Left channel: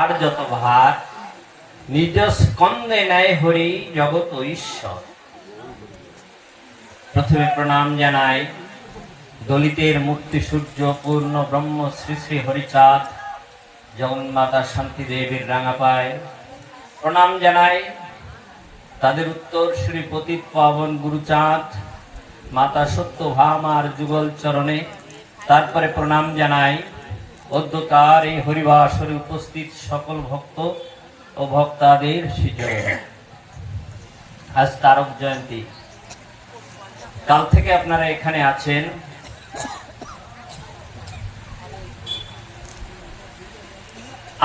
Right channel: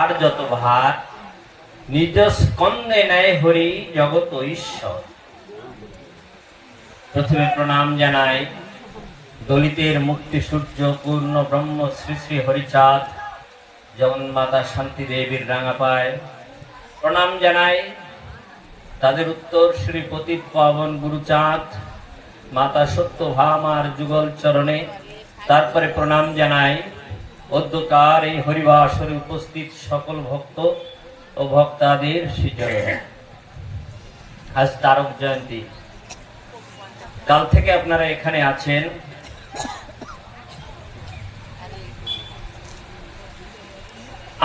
আর যত ভার নিজ স্কন্দে নেয় হরি জগৎ ঈশ্বর। প্রথমে প্রণাম জানাই দলিতের মুক্তি সূর্য পূর্ণ ব্রহ্ম শ্রী শ্রী হরিচাঁদ জগন্মাতা শান্তি দেবীর রাঙাপায়। প্রণাম জানাই তাদের উত্তর শ্রী পতিত পাবন গুরুচাঁদ মাতা সত্যভামার যুগল চরণে। তারপরে প্রণাম জানাই অদ্যকার এই হরিবাসরে উপস্থিত সকল ভক্ত ও ভক্তাদের শিখরে। আজ তারক জয়ন্তী, কাল থেকে আপনারা এখানে আছেন।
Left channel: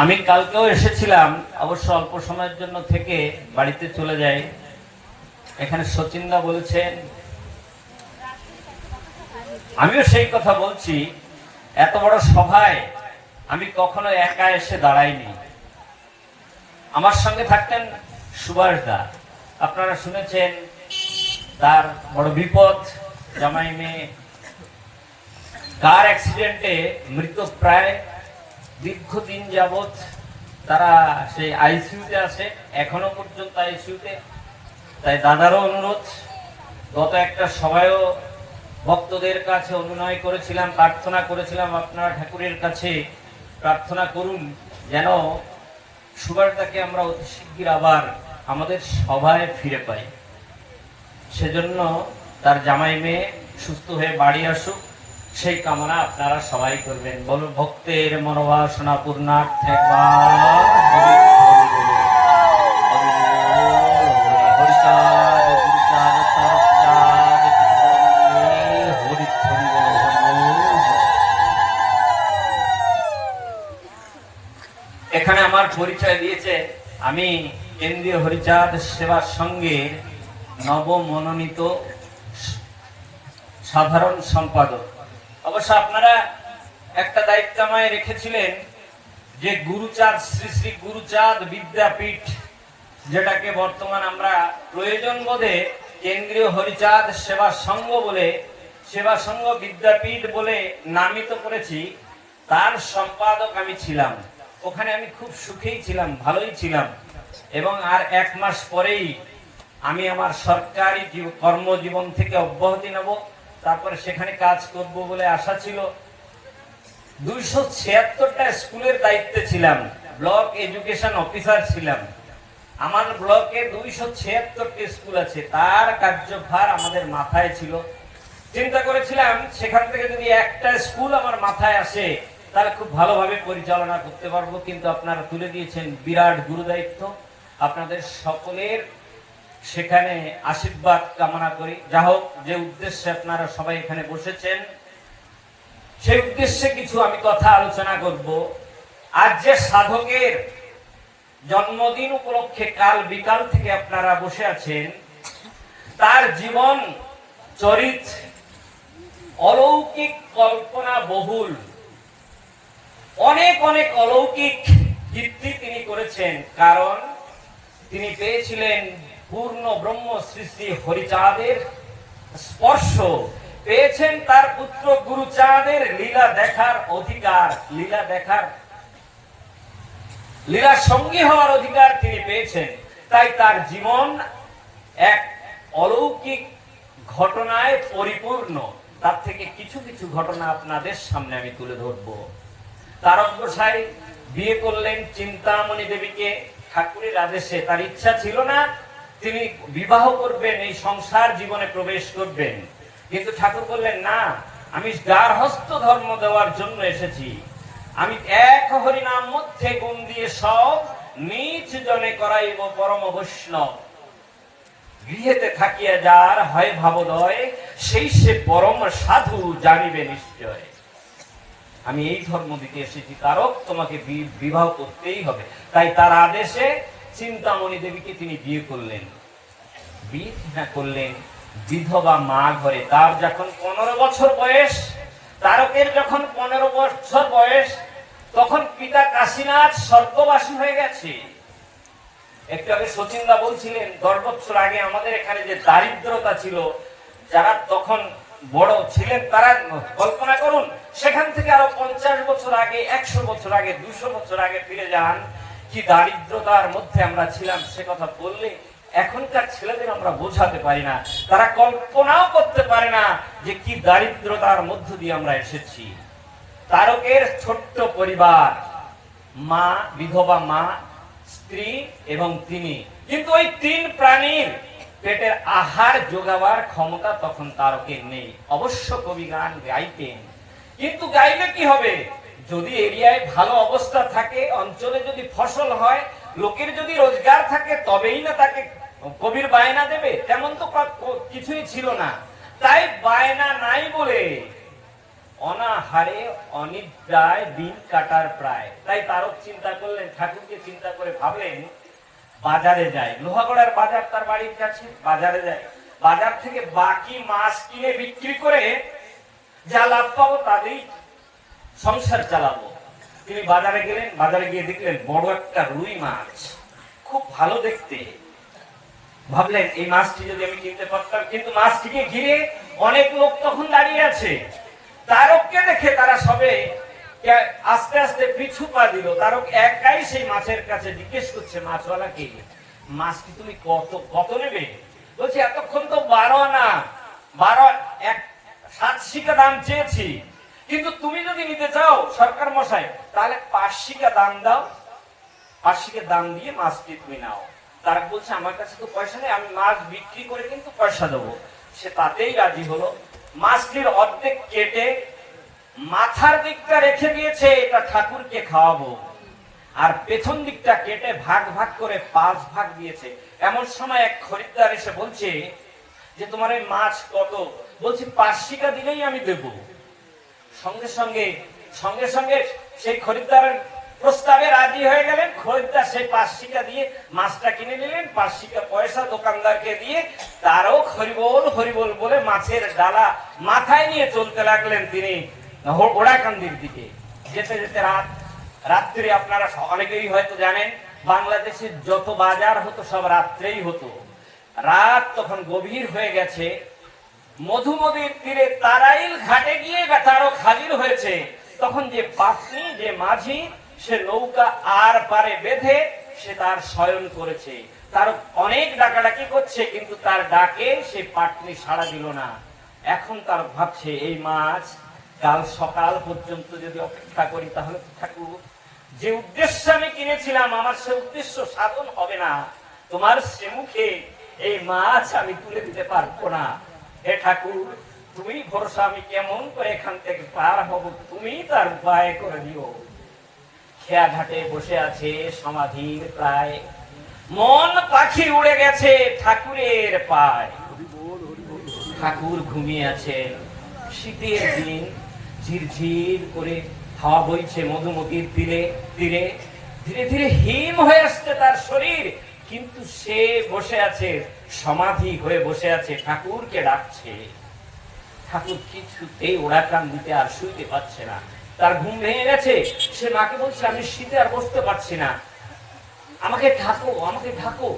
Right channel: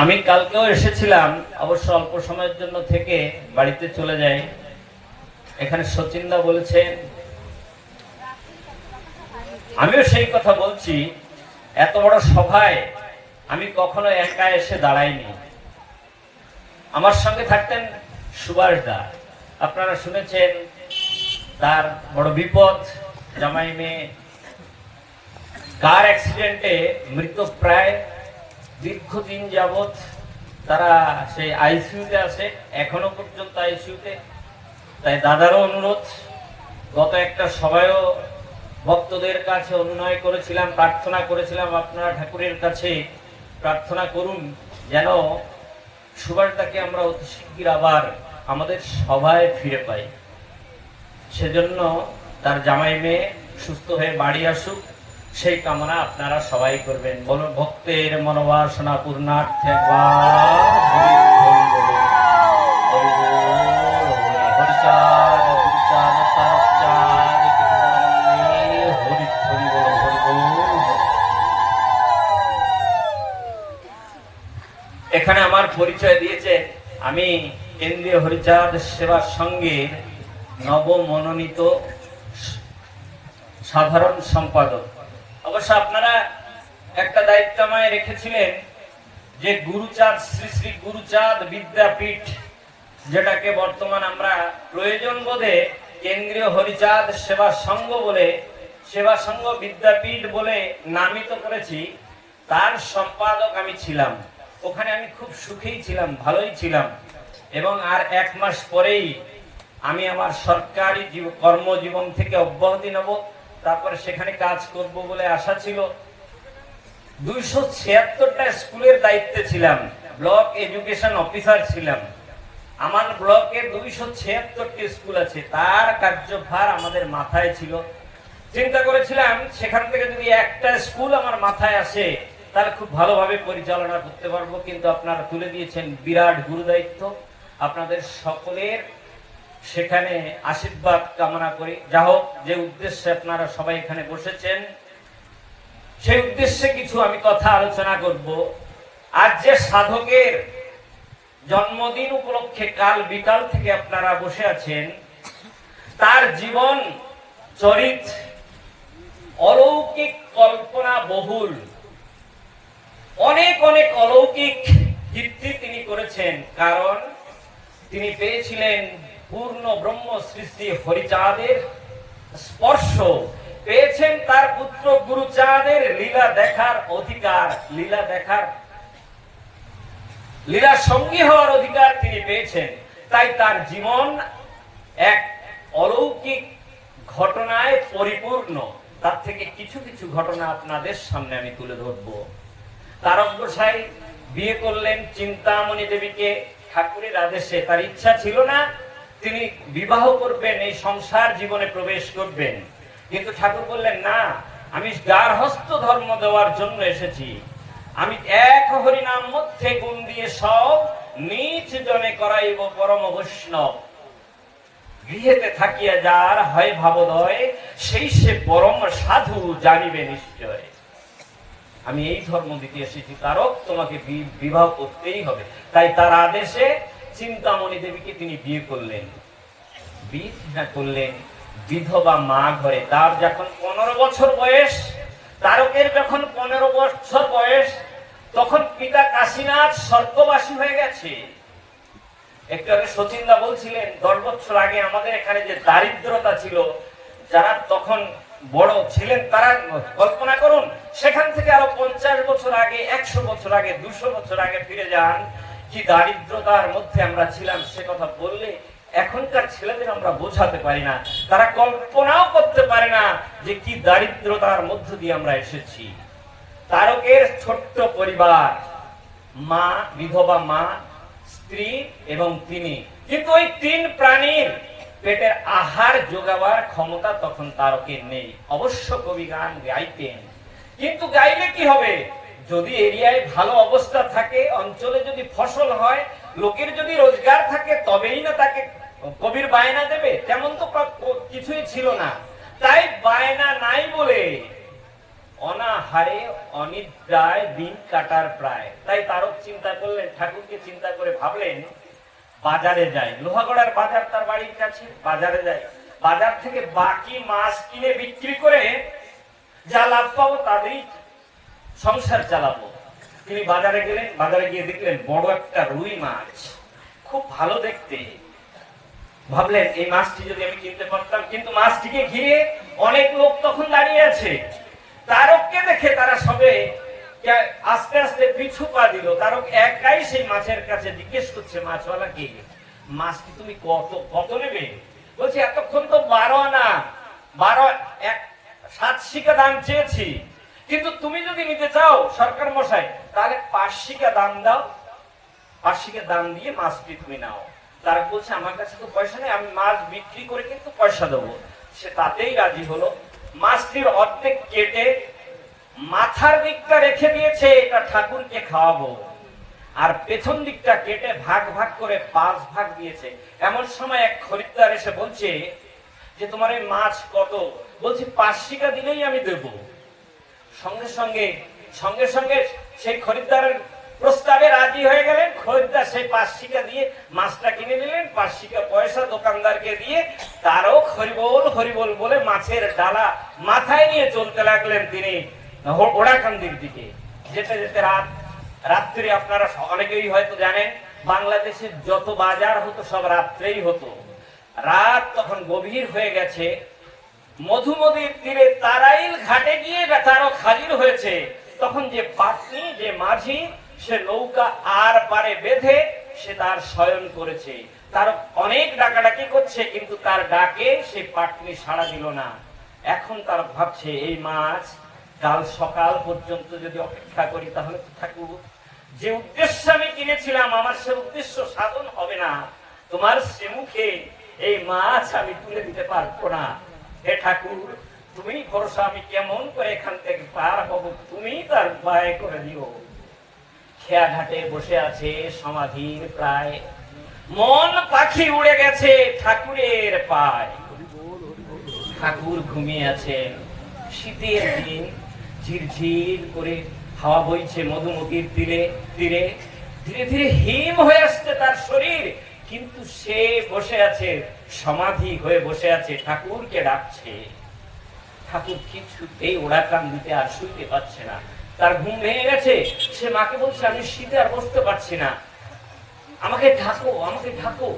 আমি কালকেও এসেছিলাম, অবশ্য অল্প সময়ের জন্য থেকে বাড়িতে চলে যাই। এখানে সচিনদা বলেছেন, আমিও সেই কথা বলছি, এত বড় সভায় আমি কখনো একা এসে দাঁড়াইনি। আমার সঙ্গে থাকতেন সুভাষ দা, আপনারা শুনেছেন তার বড় বিপদ, জামাই মেয়ে কার অ্যাক্সিডেন্টে মৃত প্রায় দীর্ঘদিন যাবৎ তারা সেই আইসিইউতে আছে, এখনো পর্যন্ত আইসিইউতে। তাই দাদারও অনুরোধ, গত একটা সভায়ও ভক্তদের কাছে অভিনয় করেছিলাম, প্রার্থনা করেছিলাম, আপনারা ঠাকুরের কাছে প্রার্থনা করুন যেন সুভাষদাকে আমরা অতি শীঘ্র আবার আমাদের সভায় ফিরে পাই। সেজন্য তার জামাই মেয়ে সুস্থ হয়ে বাড়ি আসুক, সেই কামনা আপনারা সবাই করবেন। বলুন ভক্তের মনোবাসনা পূর্ণার্থে এখানে আমার পরিচয় দিয়েছে, আমি কেন্দ্রীয় হরিচাঁদ সেবা সংঘের নবমনোনীত সাধারণ সম্পাদক। অবশ্য আপনারা একটা দায়িত্ব আমায় রেখেছিলেন যে গুরুচাঁদ শ্রী শ্রী গুরুচাঁদ বিদ্যাপীঠ, যেটাকে বর্তমান আমরা প্রয়োজন বোধে কেন্দ্রীয় হরিচাঁদ সেবা সংঘ বলে, সেবা সংঘ বিদ্যাপীঠ বলে নামিত করেছি, তার সম্পাদক আমি ছিলাম। ওখানে আমি খুব সুখেই ছিলাম, ভালোই ছিলাম। এবং আর 1 মাস পরেই আমি আমার সরকারি কর্মজীবন থেকে অব্যাহতি নেব, তারপরে সেখানে কাজ করব বলে আশা ছিল। 276টা স্কুলের দায়িত্বে ছিলাম, ব্লক এডুকেশন অফিসার ছিলাম। আমার ব্লকে 276টি স্কুল আছে, তার কার্যভার আমাদের মাথায় ছিল। চিন্তা করেছিলাম সেখান থেকে যদি একটা স্কুল আমার মাথায় আসে তাহলে খুব ভালোভাবে পরিচালনা করতে পারবো। কিন্তু আপনারা তুলে দিয়েছেন বিরাট গুরু দায়িত্ব। আপনাদের সকলের সেখানে আশীর্বাদ কামনা করি। যা হোক, যে উদ্দেশ্যে আপনারা সবাই এখানে বসেছেন সেই উদ্দেশ্যে কিছু আমি কথা আলোচনা করব। আজ যে সাধকের জন্মদিন উপলক্ষে কাল বিকাল থেকে আপনারা বসে আছেন, তার জীবন চরিত অলৌকিক, কল্পনা বহুল, অনেক অনেক অলৌকিক কীর্তি তিনি করেছেন। কারণ তিনি পেয়েছিলেন পূর্ণ ব্রহ্ম শ্রী শ্রী হরিচাঁদের স্পর্শ, পেয়েছেন তার পুত্র গুরুচাঁদের লীলা দেখার অধিকার, লীলা সঙ্গী হওয়ার অধিকার তিনি পেয়েছেন। তাই তার জীবন এক অলৌকিক ঘটনায় পরিপূর্ণ। তার থেকে কিছু কিছু ঘটনা আপনাদের সামনে আমি তুলে ধরব। তারক গোসাই বিয়ে করলেন চিন্তামণি দেবীকে ঠাকুরের আদেশে। তার ইচ্ছা ছিল না তিনি বিবাহ করবেন, এই সংসার জীবনে প্রবেশ করবেন, কিন্তু ঠাকুর বললেন না, আমি গার্হস্থ ধর্ম দেওয়ার জন্য এসেছি। আমি এক হরিনাম মধ্যে গুণ দিয়ে সব নিজ জনে করাইব পরম বৈষ্ণব। গৃহেতে থাকিয়া যার হয় ভাবোদয়, সেই সে পরম সাধু জানিবে নিশ্চয়। আমি এই ধর্ম দিতে এসেছি, তারক তোমাকে বিবাহ করতেই হবে। তাই তার আদেশে চিন্তামণি দেবীকে তিনি বিয়ে করলেন। বিয়ে করলেন বিধবা মা ঘরে। তার যখন 15 বছর বয়স, তারকের যখন 15 বছর বয়স, তখন পিতা কাশীনাথ স্বর্গবাসী হয়ে গেছে। একটু আগে সচিনদা বলছিলেন 10 বছর আগে আমাদের এখানে যে দারিদ্রতা ছিল, যারা তখন বড় ছিলেন তারা কল্পনা করুন, সেখান থেকে আরো 50 বছর আগে, 100 বছর আগে, 200 বছর আগে ফিরে যান, কি দারিদ্রতার মধ্যে আমরা ছিলাম সে কথা বললে এখনকার ছেলেদের আমরা বোঝাতে পারি না, তারা কল্পনাও করতে পারে না যে কি দারিদ্রতার মধ্য দিয়ে আমরা এসেছি। তারকের ছোট্ট পরিবার, মা, বিধবা মা, স্ত্রী এবং তিনি, কিন্তু ওই তিন প্রাণীর পেটের আহার যোগাবার ক্ষমতা তখন তারকের নেই। অবশ্য কবি গান গাইতেন, কিন্তু গাইলে কি হবে? যদি এরিয়ায় ভালো অবস্থা থাকে, অঞ্চলে যদি ফসল হয়, লোকের যদি রোজগার থাকে, তবেই না তাকে কবির বায়না দেবে। তেমন তো কিছুই ছিল না, তাই বায়না নাই বলে অনাহারে অনিদ্রায় দিন কাটার প্রায়। তাই তারক চিন্তা করলেন, ঠাকুরকে চিন্তা করে ভাবলেন বাজারে যায়। লোহাগড়ার বাজার তার বাড়ির কাছে, বাজারে যায়, বাজার থেকে বাকি মাছ কিনে বিক্রি করে যা লাভ পাবো তাদেরই সংসার চালাবো। তিনি বাজারে গেলেন, বাজারে গিয়ে দেখলেন বড় একটা রুই মাছ, খুব ভালো দেখতে। ভাবলেন এই মাছটি যদি আমি কিনতে পারতাম, কিন্তু মাছটিকে ঘিরে অনেক লোক তখন দাঁড়িয়ে আছে। তারককে দেখে তারা সবে আস্তে আস্তে পিছু পা দিল। তারক একাই সেই মাছের কাছে জিজ্ঞেস করছে মাছওয়ালাকে, মাছটি তুমি কত নেবে? বলছি এতক্ষণ তো 12 আনা 7 শিকা দাম চেয়েছি, কিন্তু তুমি যদি নিতে চাও সরকার মশাই, তাহলে 5 শিকা দাম দাও, 5 শিকা দাম দিয়ে মাছটি তুমি নাও। তারা বলছে আমার কাছে তো পয়সা নেই, আমি মাছ বিক্রি করে কিন্তু পয়সা দেবো। সে তাতেই রাজি হলো। মাছটির অর্ধেক কেটে মাথার দিকটা রেখে দিয়েছে, এটা ঠাকুরকে খাওয়াবো, আর পেছন দিকটা কেটে ভাগ ভাগ করে 5 ভাগ দিয়েছে। এমন সময় এক খরিদ্দার এসে বলছে যে তোমার এই মাছ কত? বলছি 5 শিকা দিলেই আমি দেবো। সঙ্গে সঙ্গে সেই খরিদ্দারের প্রস্তাবে রাজি হয়ে গেলেন। খরিদ্দার সেই 5 শিকা দিয়ে মাছটা কিনে নিলেন, 5 শিকা পয়সা দোকানদারকে দিয়ে তারও হরিবোল হরিবোল বলে মাছের ডালা মাথায় নিয়ে চলতে লাগলেন তিনি ওড়াকান্দির দিকে। যেতে যেতে রাত্রি, আপনারা অনেকেই হয়তো জানেন বাংলাদেশের যত বাজার হতো সব রাত্রেই হতো। রাত তখন গভীর হয়ে গেছে। মধুমতির তীরে তারাইল ঘাটে গিয়ে তারক হাজির হয়েছে। তখন যে পাত্নী, যে মাঝি, সে নৌকা আর পারে বেঁধে সে তার শয়ন করেছে। তার অনেক ডাকাডাকি করছে, কিন্তু তার ডাকে সে পাটনি সাড়া দিল না। এখন তার ভাবছে এই মাছ কাল সকাল পর্যন্ত যদি অপেক্ষা করি তাহলে ঠাকুর যে উদ্দেশ্য আমি কিনেছিলাম আমার সে উদ্দেশ্য সাধন হবে না। তোমার সে মুখে এই মাছ আমি তুলে দিতে পারবো না। হে ঠাকুর, তুমি ভরসা, আমি কেমন করে এখান থেকে পার হব, তুমি তার উপায় করে দিও। খেয়া ঘাটে বসে আছে সমাধির প্রায়, মন পাখি উড়ে গেছে ঠাকুরের পায়। ঠাকুর ঘুমিয়ে আছেন। শীতের দিন, ঝিরঝির করে হাওয়া বইছে মধুমতির তীরে তীরে, ধীরে ধীরে হিম হয়ে আসছে তার শরীর, কিন্তু সে বসে আছে, সমাধি হয়ে বসে আছে, ঠাকুরকে ডাকছে। ঠাকুর কিছুতেই ওড়াকান দিতে আর শুইতে পারছে না, তার ঘুম ভেঙে গেছে। সে মাকে বলছে আমি শীতে আর বসতে পারছি না, আমাকে ঢাকো, আমাকে ঢাকো।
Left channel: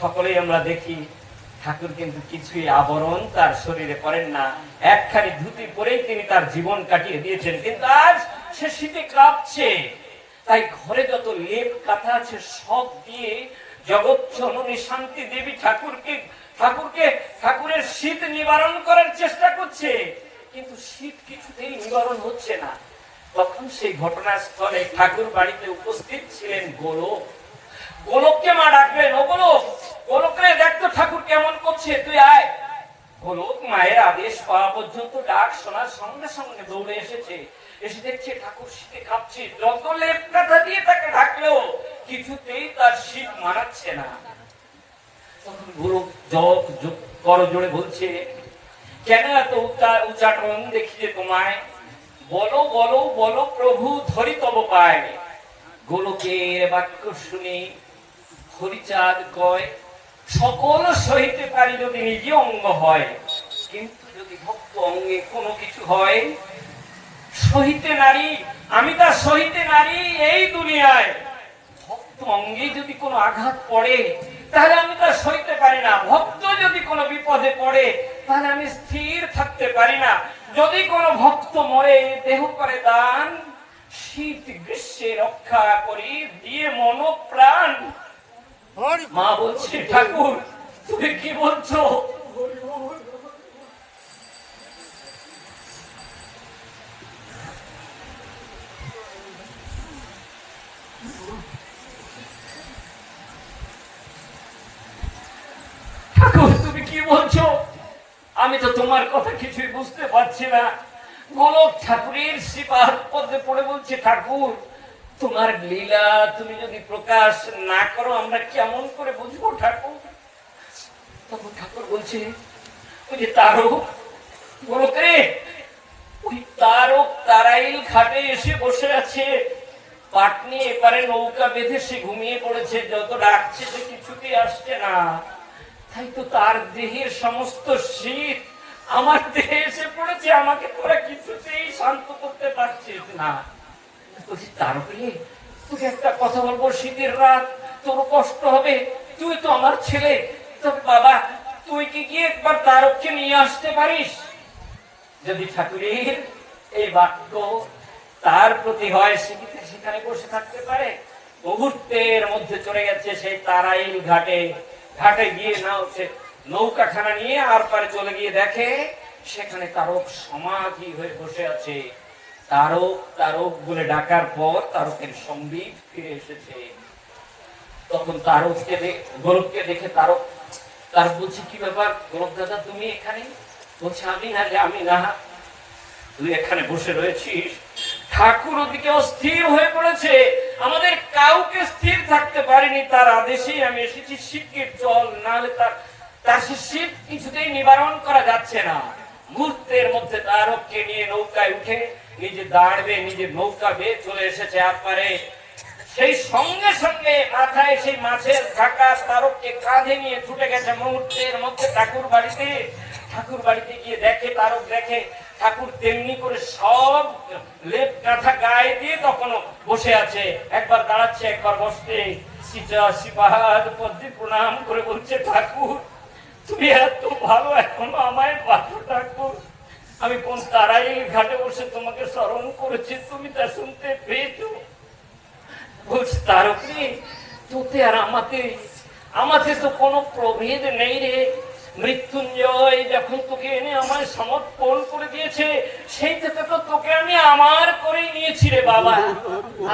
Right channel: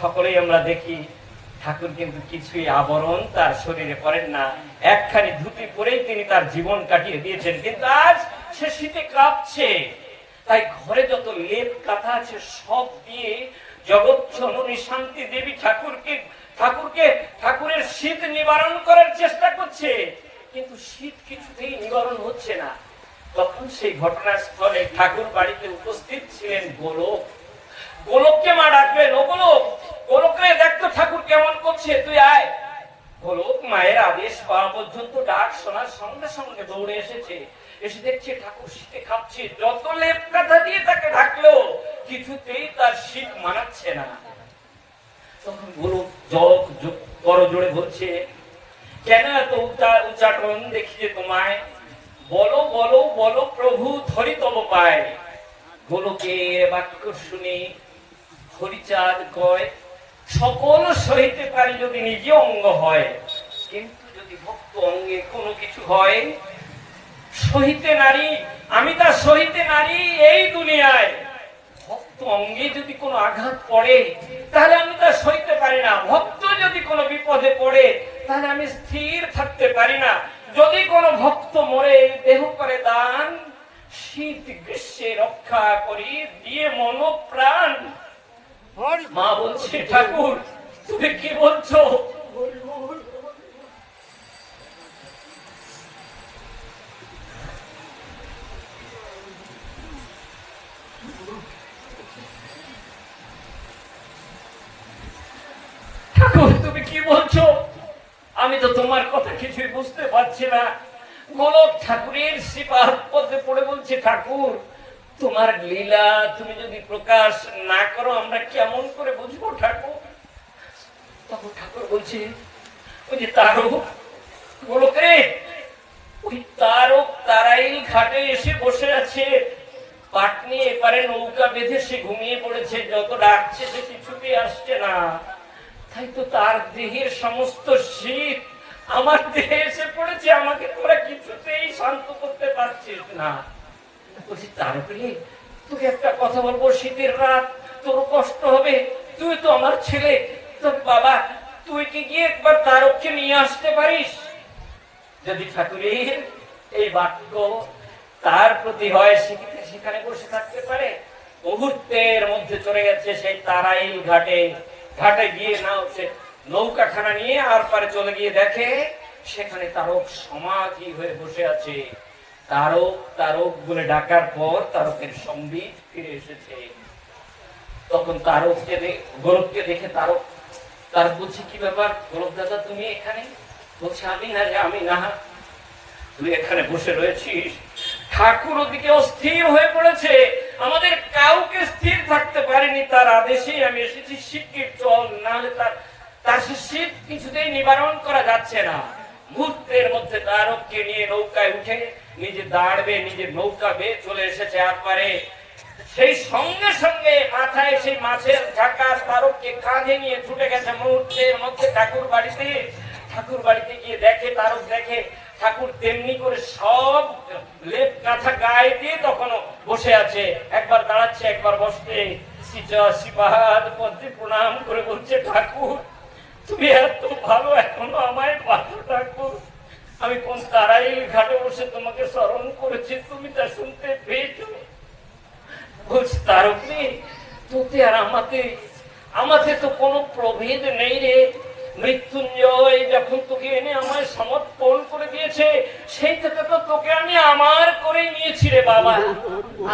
সকলেই আমরা দেখি ঠাকুর কিন্তু কিছুই আবরণ তার শরীরে করেন না, একখানি ধুতি পরেই তিনি তার জীবন কাটিয়ে দিয়েছেন। কিন্তু আজ সে শীতে কাঁপছে, তাই ঘরে যত লেপ কাঁথা আছে সব দিয়ে জগৎ জননী শান্তি দেবী ঠাকুরের শীত নিবারণ করার চেষ্টা করছে, কিন্তু শীত কিছুতেই নিবারণ হচ্ছে না। তখন সেই ঘটনাস্থলে ঠাকুর বাড়িতে উপস্থিত ছিলেন গোলক। গোলককে মা ডাকলেন, ও গোলক, গোলক রে, দেখতো ঠাকুর কেমন করছে, তুই আয়। গোলক মায়ের আদেশ পাওয়া পর্যন্ত ডাক শোনার সঙ্গে সঙ্গে দৌড়ে এসেছে। এসে দেখছে ঠাকুর শীতে কাঁপছে, যত লেপ কাঁথা দিয়ে তাকে ঢাকলো কিছুতেই তার শীত মানাচ্ছে না। তখন গোলক করো জোরে বলছে, কেন এত উচ্চাটন দেখিয়ে তোমায়, বলো বলো বলো প্রভু ধরি তব পায়। গোলকের বাক্য শুনে হরিচাঁদ কয়, সকল সহিতে পারি যদি নিজে অঙ্গ হয়, কিন্তু যদি ভক্ত অঙ্গে কোনো কিছু হয়, সহিতে নারী, আমি তার সহিতে নারী এই দুনিয়ায়। ভক্ত অঙ্গে যদি কোনো আঘাত পড়ে তাহলে আমি তার সইতে পারি না। ভক্ত যদি কোনো বিপদে পড়ে তাহলে আমি স্থির থাকতে পারি না। যদি কোনো ভক্ত মরে দেহ করে দান, শীত গ্রীষ্মে রক্ষা করি দিয়ে মন প্রাণ। মা বলছে ঠাকুর তুমি কি বলছো? ঠাকুর তুমি কি বলছো? আমি তো তোমার কথা কিছুই বুঝতে পারছি না। গোলক ঠাকুরের শ্রীপাদ পদ্মে পড়ে বলছে ঠাকুর তোমার লীলা তুমি যদি প্রকাশ না করো আমরা কেমন করে বুঝবো ঠাকুর? তখন ঠাকুর বলছে ওই যে তারক গোলকে, ওই তারক তারাইল ঘাটে এসে বসে আছে, পাটনি এপারে নৌকা বেঁধে সে ঘুমিয়ে পড়েছে, যত ডাকছে সে কিছুতেই আসছে না। তাই তো তার দেহের সমস্ত শীত আমার দেহে এসে পড়েছে, আমাকে তোরা কিছুতেই শান্ত করতে পারছিস না। বলছি তারকরে তুই একটা কথা বলবো, শীতের রাত তোর কষ্ট হবে, তুই তো আমার ছেলে, তবে বাবা তুই কি গিয়ে একবার তারককে নিয়ে আসতে পারিস? যদি ঠাকুরের এই বাক্য তার প্রতি হয় সেখানে বসে থাকতে পারে। মুহূর্তের মধ্যে চলে গেছে সেই তারাইল ঘাটে। ঘাটে গিয়ে নাও সে নৌকাখানা নিয়ে আর পারে চলে গিয়ে দেখে সেখানে তারক সমাধি হয়ে বসে আছে। তারক তারক বলে ডাকার পর তারকের সম্বিত ফিরে এসেছে। তখন তারককে গোলককে দেখে তারক তার বলছে কি ব্যাপার গোলক দাদা তুমি এখানে? বলছে আমি না, তুই এখানে বসে রয়েছিস। ঠাকুর ওদিকে অস্থির হয়ে পড়েছে, আমাদের কাউকে স্থির থাকতে পারিনি, তার আদেশেই আমি এসেছি, শিগগির চল, নাহলে তার শীত কিছুতেই নিবারণ করা যাচ্ছে না। মুহূর্তের মধ্যে তারককে নিয়ে নৌকায় উঠে নিজে দাঁড়বে, নিজের নৌকা বেয়ে চলে এসেছে আপারে। সেই সঙ্গে সঙ্গে মাথায় সেই মাছের ঢাকা তারককে কাঁধে নিয়ে ছুটে গেছে মুহূর্তের মধ্যে ঠাকুর বাড়িতে। ঠাকুর বাড়িতে গিয়ে দেখে তারক দেখে ঠাকুর তেমনি করে সব লেপ কাঁথা গায়ে দিয়ে তখনও বসে আছে, একবার দাঁড়াচ্ছে একবার বসছে। শ্রীপাদ পদ্মে প্রণাম করে বলছে ঠাকুর তুমি এত ভালো এখনো আমায় পাচ্ছ ঠাকুর, আমি কোন তারাইল ঘাটে বসে তোমাকে স্মরণ করেছি, তুমি তা শুনতে পেয়েছো? বলছে তারক রে তোতে আর আমাতে তো কোনো প্রভেদ নেই রে। মৃত্যুঞ্জয় যখন তোকে এনে আমায় সমর্পণ করে দিয়েছে সেই থেকে তো তোকে আমি আমার করে নিয়েছি রে বাবা।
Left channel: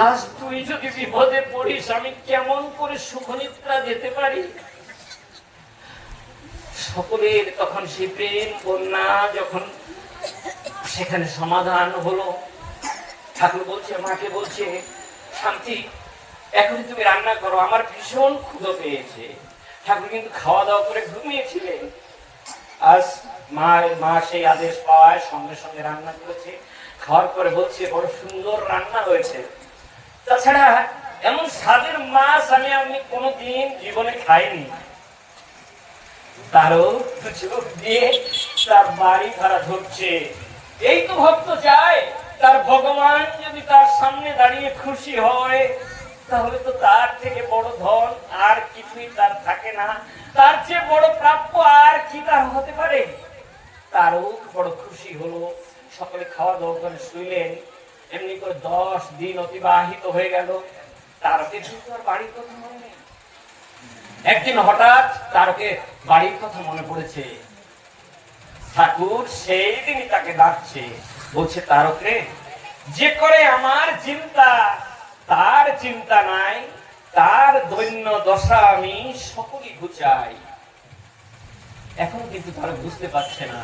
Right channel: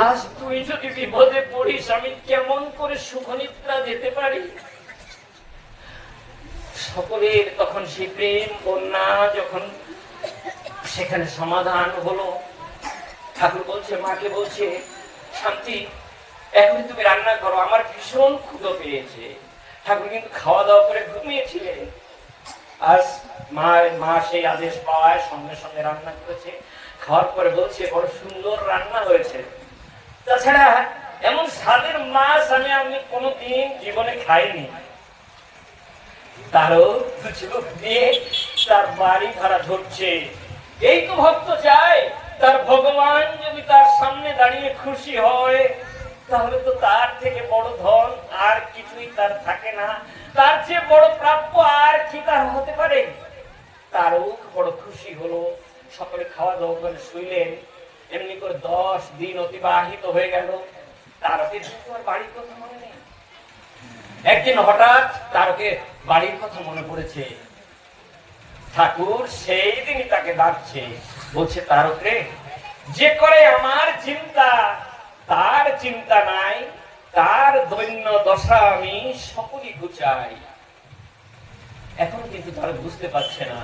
আজ তুই যদি বিপদে পড়িস আমি কেমন করে সুখনিদ্রা যেতে পারি? সকলের তখন সেই প্রেম কন্যা যখন সেখানে সমাধান হলো, ঠাকুর বলছে মাকে বলছে শান্তি এখন তুমি রান্না করো, আমার ভীষণ ক্ষুধা পেয়েছে। ঠাকুর কিন্তু খাওয়া দাওয়া করে ঘুমিয়েছিলেন। আজ মা সেই আদেশ পাওয়ায় সঙ্গে সঙ্গে রান্না করেছে। খাওয়ার পরে বলছে বড় সুন্দর রান্না হয়েছে, তাছাড়া এমন স্বাদের মাছ আমি কোনোদিন জীবনে খাইনি। তারও চোখ দিয়ে তার বাড়ি ভাড়া ধরছে। এই তো ভক্ত চায় তার ভগবান যদি তার সামনে দাঁড়িয়ে খুশি হয় তাহলে তো তার থেকে বড় ধন আর কিছুই তার থাকে না, তার চেয়ে বড় প্রাপ্য আর কি তার হতে পারে। তারও বড় খুশি হলো। সকলে খাওয়া দাওয়া করে শুইলেন। এমনি করে 10 দিন অতিবাহিত হয়ে গেল। তারকে আর বাড়ির কথা মনে নেই। একদিন হঠাৎ তারকে বাড়ির কথা মনে পড়েছে। ঠাকুর সেই দিনই তাকে ডাকছে, বলছে তারক রে যে করে আমার চিন্তা তার চিন্তা নাই, তার দৈন্য দশা আমি সকলই ঘুচাই। এখনো কিন্তু তারা বুঝতে পারছে না।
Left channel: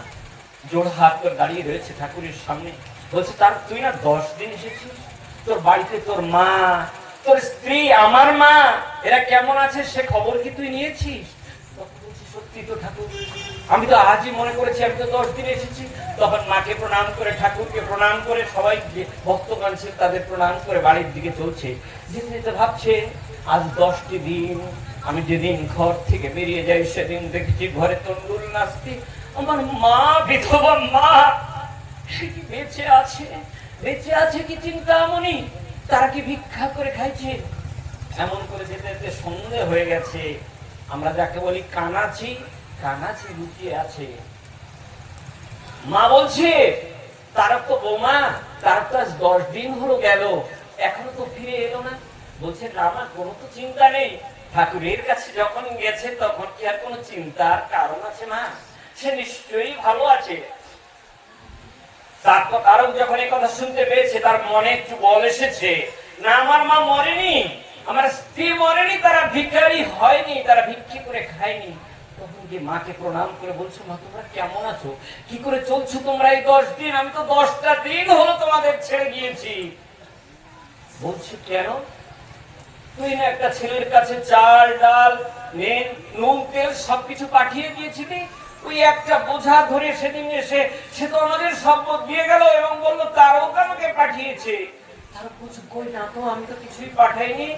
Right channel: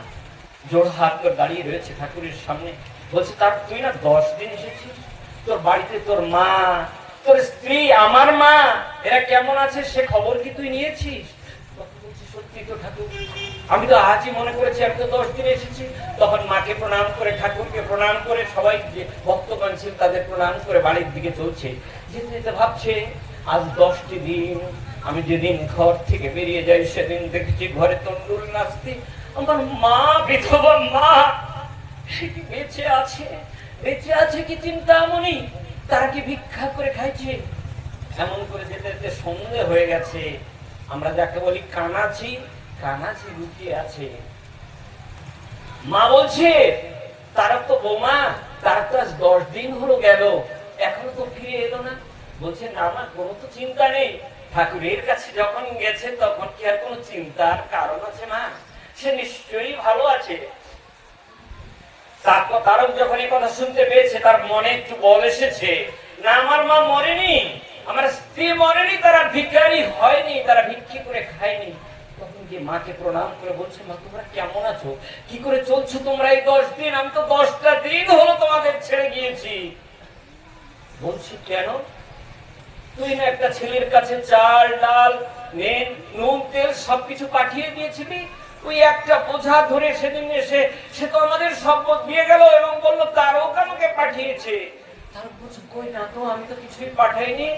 জোড় হাত করে দাঁড়িয়ে রয়েছে ঠাকুরের সামনে। বলছে তার তুই না 10 দিন এসেছিস, তোর বাড়িতে তোর মা তোর স্ত্রী আমার মা এরা কেমন আছে সে খবর কি তুই নিয়েছিস? সত্যি তো ঠাকুর, আমি তো আজই মনে করেছি আমি তো 10 দিন এসেছি। তখন মাকে প্রণাম করে ঠাকুরকে প্রণাম করে সবাই যে ভক্তগণ ছিল তাদের প্রণাম করে বাড়ির দিকে চলছে। যেতে যেতে ভাবছে আজ 10টি দিন আমি যেদিন ঘর থেকে বেরিয়ে যাই সেদিন দেখছি ঘরে তন্ডুল নাচতে। আমার মা বিধবা মা সে কি বেঁচে আছে কি চিন্তামণি, তারা কি ভিক্ষা করে খাইছে? এমন করে যেতে যেতে সন্দেহ হয়ে গেছে। আমরা যাকে বলি কানাচি লুকিয়ে আছে। মা বলছে তারা তো বৌমা তারপর 10 দিন হলো গেল, এখনো তো ফিরে এলো না। বলছে না মা, কোনো তো চিন্তা নেই, ঠাকুরের কাছে যখন গেছে তখন কি আর কোনো চিন্তার কারণ আছে? না, সে নিশ্চয়ই ভালো আছে। তারপর তারও যখন এই কথা শুনতে পেয়েছে, তার মনে একটু বল এসেছে, না আমার মা মরেনি, আমার স্ত্রী মরেনি, তারা ভিখারি হয়নি, তারা ভিক্ষি করে খায়নি। তখন গিয়ে মাকে প্রণাম করে বলছে, মা তোমরা কেমন আছো, কি করে চলছো তোমরা এই 10 দিন? আমি তো 10টা দিন হলো তোমাদের ছেড়ে গিয়েছি। বলছি কেন? তুই না একটা ছেলের কাছে চাল ডাল নুন তেল সবকিছু পাঠিয়ে দিয়েছিলি, ওই একটা বোঝা ধরে সেদিন এসে সে তো আমাদের সম্পদ দিয়ে গেল এবং বললো তারও আমাকে পাঠিয়েছে। তার বলছে কই না তো, আমি তো কিছুই পাঠাইনি।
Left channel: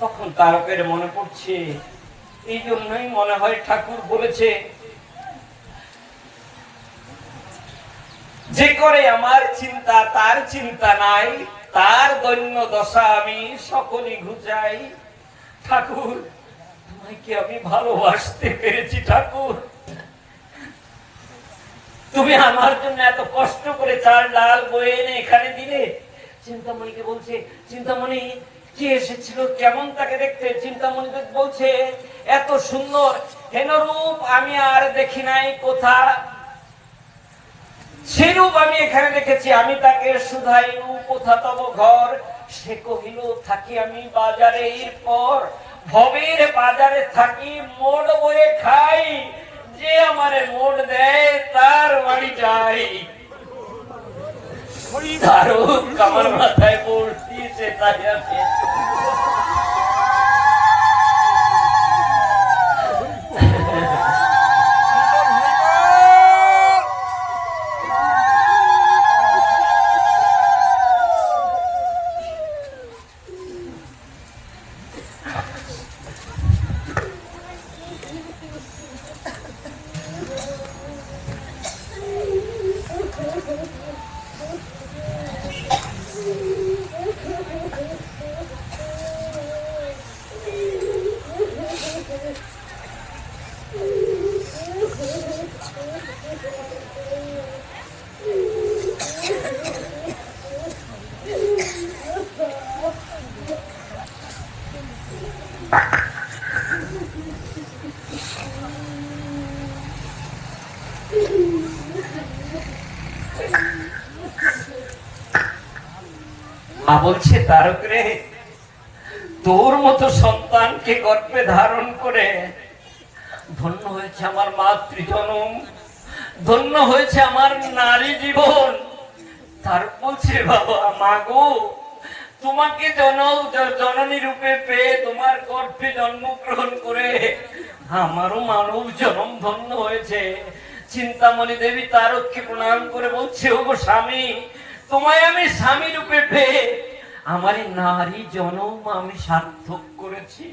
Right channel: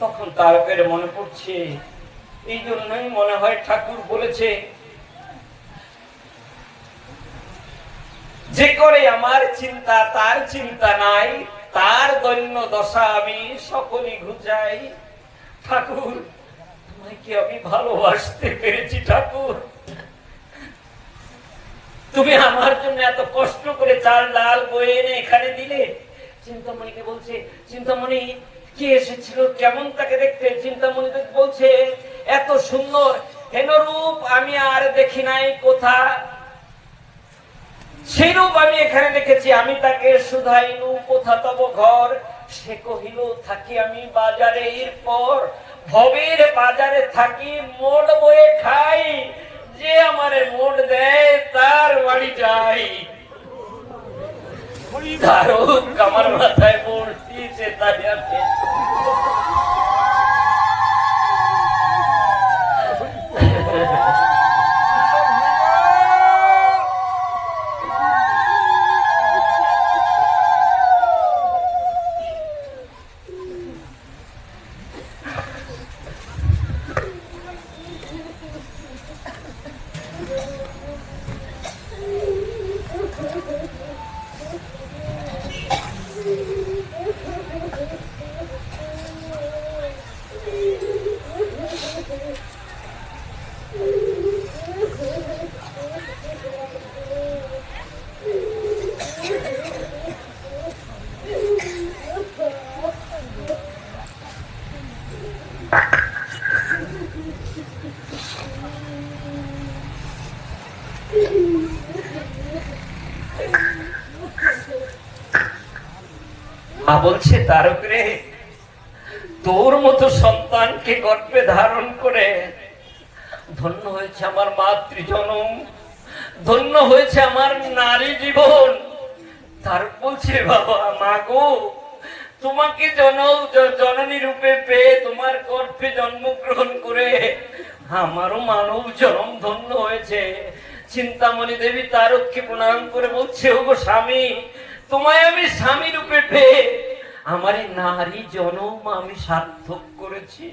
তখন তারকের মনে পড়ছে, এই জন্যই মনে হয় ঠাকুর বলেছে, যে করে আমার চিন্তা তার চিন্তা নাই, তার দৈন্য দশা আমি সকলই ঘুচাই। ঠাকুর তোমায় কি আমি ভালোবাসতে পেরেছি? ঠাকুর তুমি আমার জন্য এত কষ্ট করে চাল ডাল বয়ে এনে এখানে দিলে। চিন্তামণিকে বলছে, চিন্তামণি কি এসেছিল, কেমন তাকে দেখতে? চিন্তামণি বলছে, এত সুন্দর হেনরূপ আমি আর দেখি নাই কোথা, সেরূপ আমি এখানে দেখেছি। আমি তাকে শুধাইলু কোথা তব ঘর, সে কহিল থাকি আমি বাজারে, এরপর ভবের বাজারে থাকি, মোড় বয়ে খাই, যে আমারে মোড় দেয় তার বাড়ি যাই। তারও আমার মাথায় পড়ছে, তাই আছে। বলছে তারক রে, তোর মতো সন্তানকে গর্ভে ধারণ করে ধন্য হয়েছে আমার মাতৃজনম, ধন্য হয়েছে আমার নারী জীবন। তার বলছে বাবা, মা গো, তোমাকে জননী রূপে পেয়ে তোমার গর্ভে জন্মগ্রহণ করে আমারও মানব জন্ম ধন্য হয়েছে। চিন্তামণি দেবী তারককে প্রণাম করে বলছে, ও গো স্বামী, তোমায় আমি স্বামী রূপে পেয়ে আমার নারী জনম আমি সার্থক করেছি।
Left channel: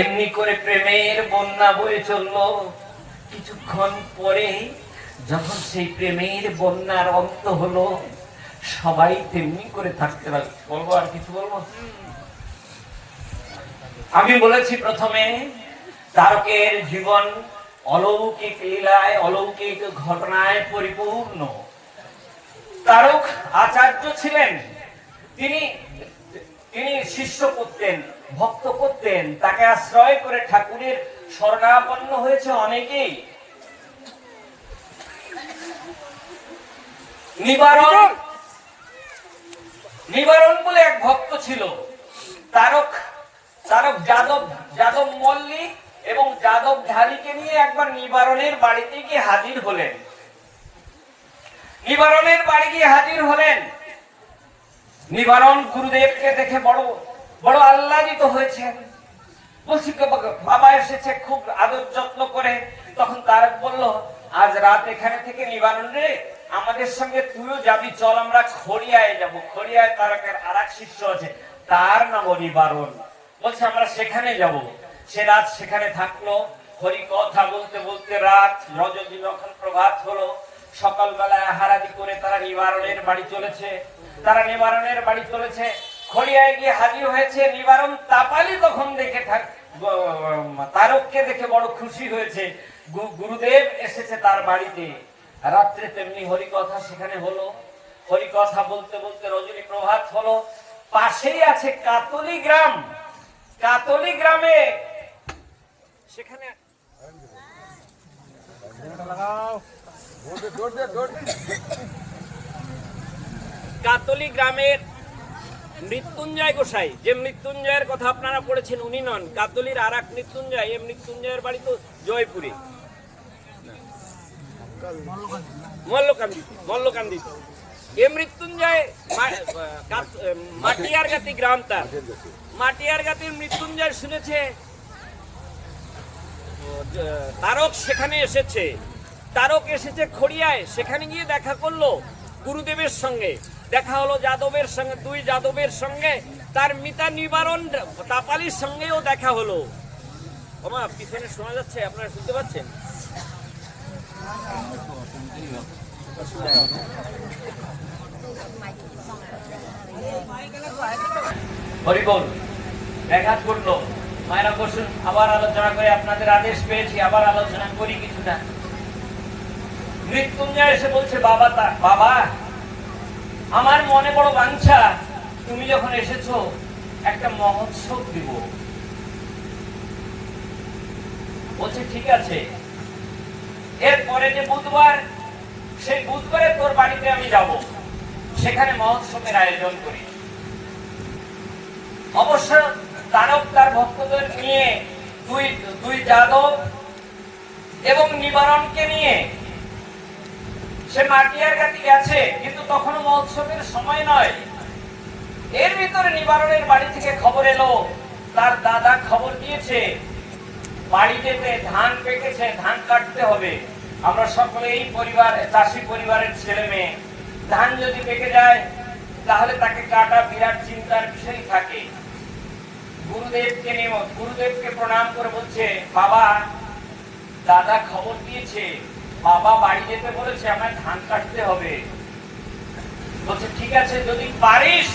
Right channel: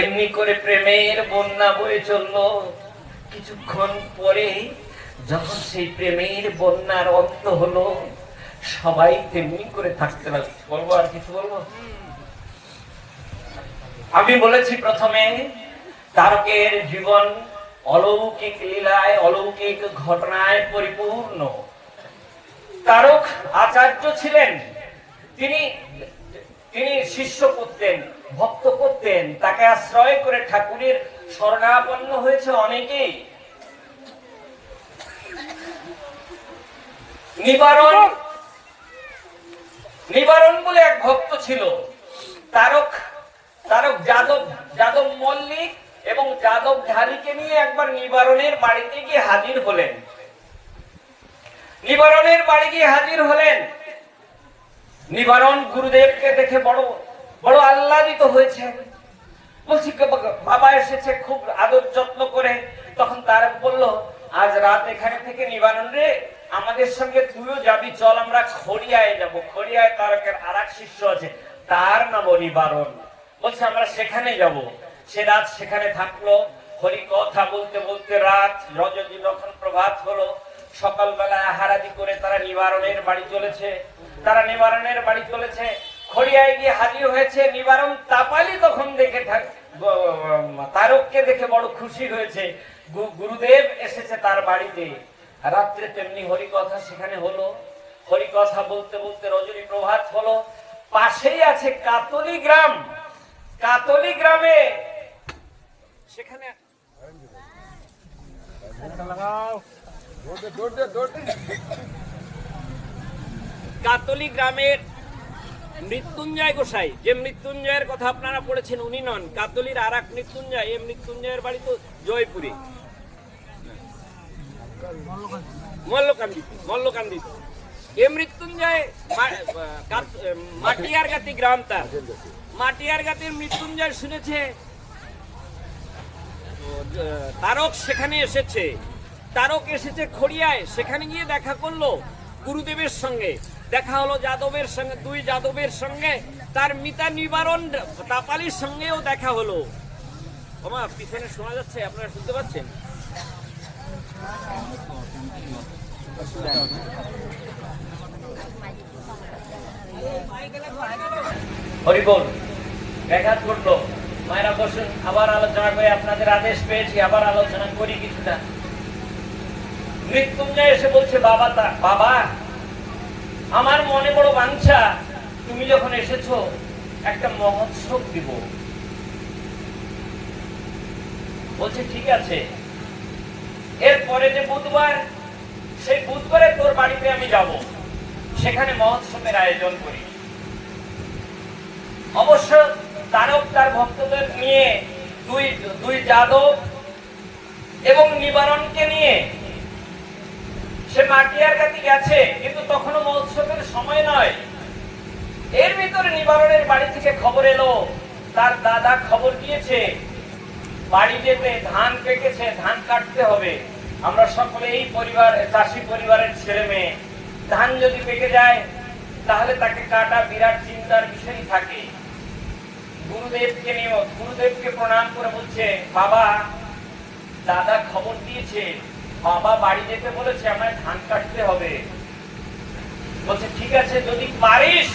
এমনি করে প্রেমের বন্যা বয়ে চলল। কিছুক্ষণ পরে যখন সেই প্রেমের বন্যার অন্ত হলো, সবাই তেমনি করে থাকতে লাগলো। বলবো আর কিছু বলবো? আমি বলেছি প্রথমে, তারকের জীবন অলৌকিক লীলায়, অলৌকিক ঘটনায় পরিপূর্ণ। তারক আচার্য ছিলেন, তিনি শিষ্য করতেন, ভক্ত করতেন, তাকে আশ্রয় করে ঠাকুরের শরণাপন্ন হয়েছে অনেকেই। নিবারণ বলে এক ভক্ত ছিল। তারক যাদব মল্লিক এবং যাদব ঢালিকে নিয়ে একবার নিবারণের বাড়িতে গিয়ে হাজির হলেন। নিবারণ গুরুদেবকে দেখে বড় আহ্লাদিত হয়েছে। বলছি বাবা এসেছে খুব আদর যত্ন করে। তখন তারক বলল, আজ রাত এখানে থেকে নিবারণ রে, আমাদের সঙ্গে তুইও যাবি, চল আমরা খড়িয়ায় যাব। খড়িয়ায় তারকের আর এক শিষ্য আছে, তার নাম নিবারণ। বলছে আমরা সেখানে যাব। সে রাত সেখানে থাকলো। হরি কথা বলতে বলতে রাত যখন প্রভাত হলো, সকালবেলায় আহারাদি করে তারা নিবারণের বাড়ি চলেছে। খড়িয়ায় গিয়ে হাজির হয়েছে। নিবারণ তাপালি তখন দেখে তারককে দেখে বড় খুশি হয়েছে। গুরুদেব এসেছে তার বাড়িতে। রাত্রে তেমনি হরিকথা সেখানে হলো। হরিকথা বলতে বলতে রজনী প্রভাত হলো। পাশেই আছে কাতলি গ্রাম। কাতলি গ্রামে সেখানে কাতলি গ্রামের মৃত্যুঞ্জয় গোসাই, যে মৃত্যুঞ্জয়ের কথা আপনারা পড়েছেন উনি নন, কাতলির আর এক মৃত্যুঞ্জয়। এই মৃত্যুঞ্জয়ের বাড়ি তো জয়পুরে, মল্লকান্দিতে। এ মৃত্যুঞ্জয় মাটিয়ারগাতি গ্রাম তার। মাটিয়ারগাতির মৃত্যুঞ্জয় শুনেছে তারক সেখানে এসেছে। তারক এসেছে খড়িয়ায়, সেখানে গিয়ে দেখা করলো গুরুদেবের সঙ্গে। দেখা হলো যাদবের সঙ্গে, দুই যাদবের সঙ্গে, তার মিতা নিবারণ তাপালির সঙ্গেও দেখা হলো। ওমা পিছনে শোনা যাচ্ছে, আপনারা শুনতে পাচ্ছেন? হরিবল ব্যাঘাত করতো। মায়েরা বসুন, আবার আলোচনা করে, আপনাদের আদেশ পেয়েছি, আবার আলোচনা করি কিছুটা। মৃত্যুঞ্জয় এসে বলছে, বাবা আমার মনে বড় বাঞ্ছা, তুমি যখন এসেছো একটা মহোৎসব দিব। বলছে ঠিক আছে, এরপরে যে বুধবার, সেই বুধবারে তোর বাড়িতে আমি যাব, সেখানে মহোৎসবের আয়োজন করি। অবশ্য তারক তার ভক্তদের নিয়ে, দুই যাদব এবং নিবারণকে নিয়ে সে মাটিয়ারগাতি গেছে, কিন্তু তখনও মহোৎসবের সময় নয়। এর ভিতরে নিবারণের বাড়ি থেকে খবর এলো, তার দাদা খবর দিয়েছে বাড়ি যেতে, ধান পেকেছে, ধান কাটতে হবে। আমরা সকলে এই পরিবার, চাষি পরিবারের ছেলে মেয়ে, ধান যদি পেকে যায় তাহলে তাকে কাটা বিরাট চিন্তার বিষয় থাকে। গুরুদেবকে প্রণাম করে বলছে, বাবা দাদা খবর দিয়েছে, বাবা বাড়ি যেতে বলেছে, আমার ধান কাটতে হবে। বলছে ঠিক আছে, যদি পারিস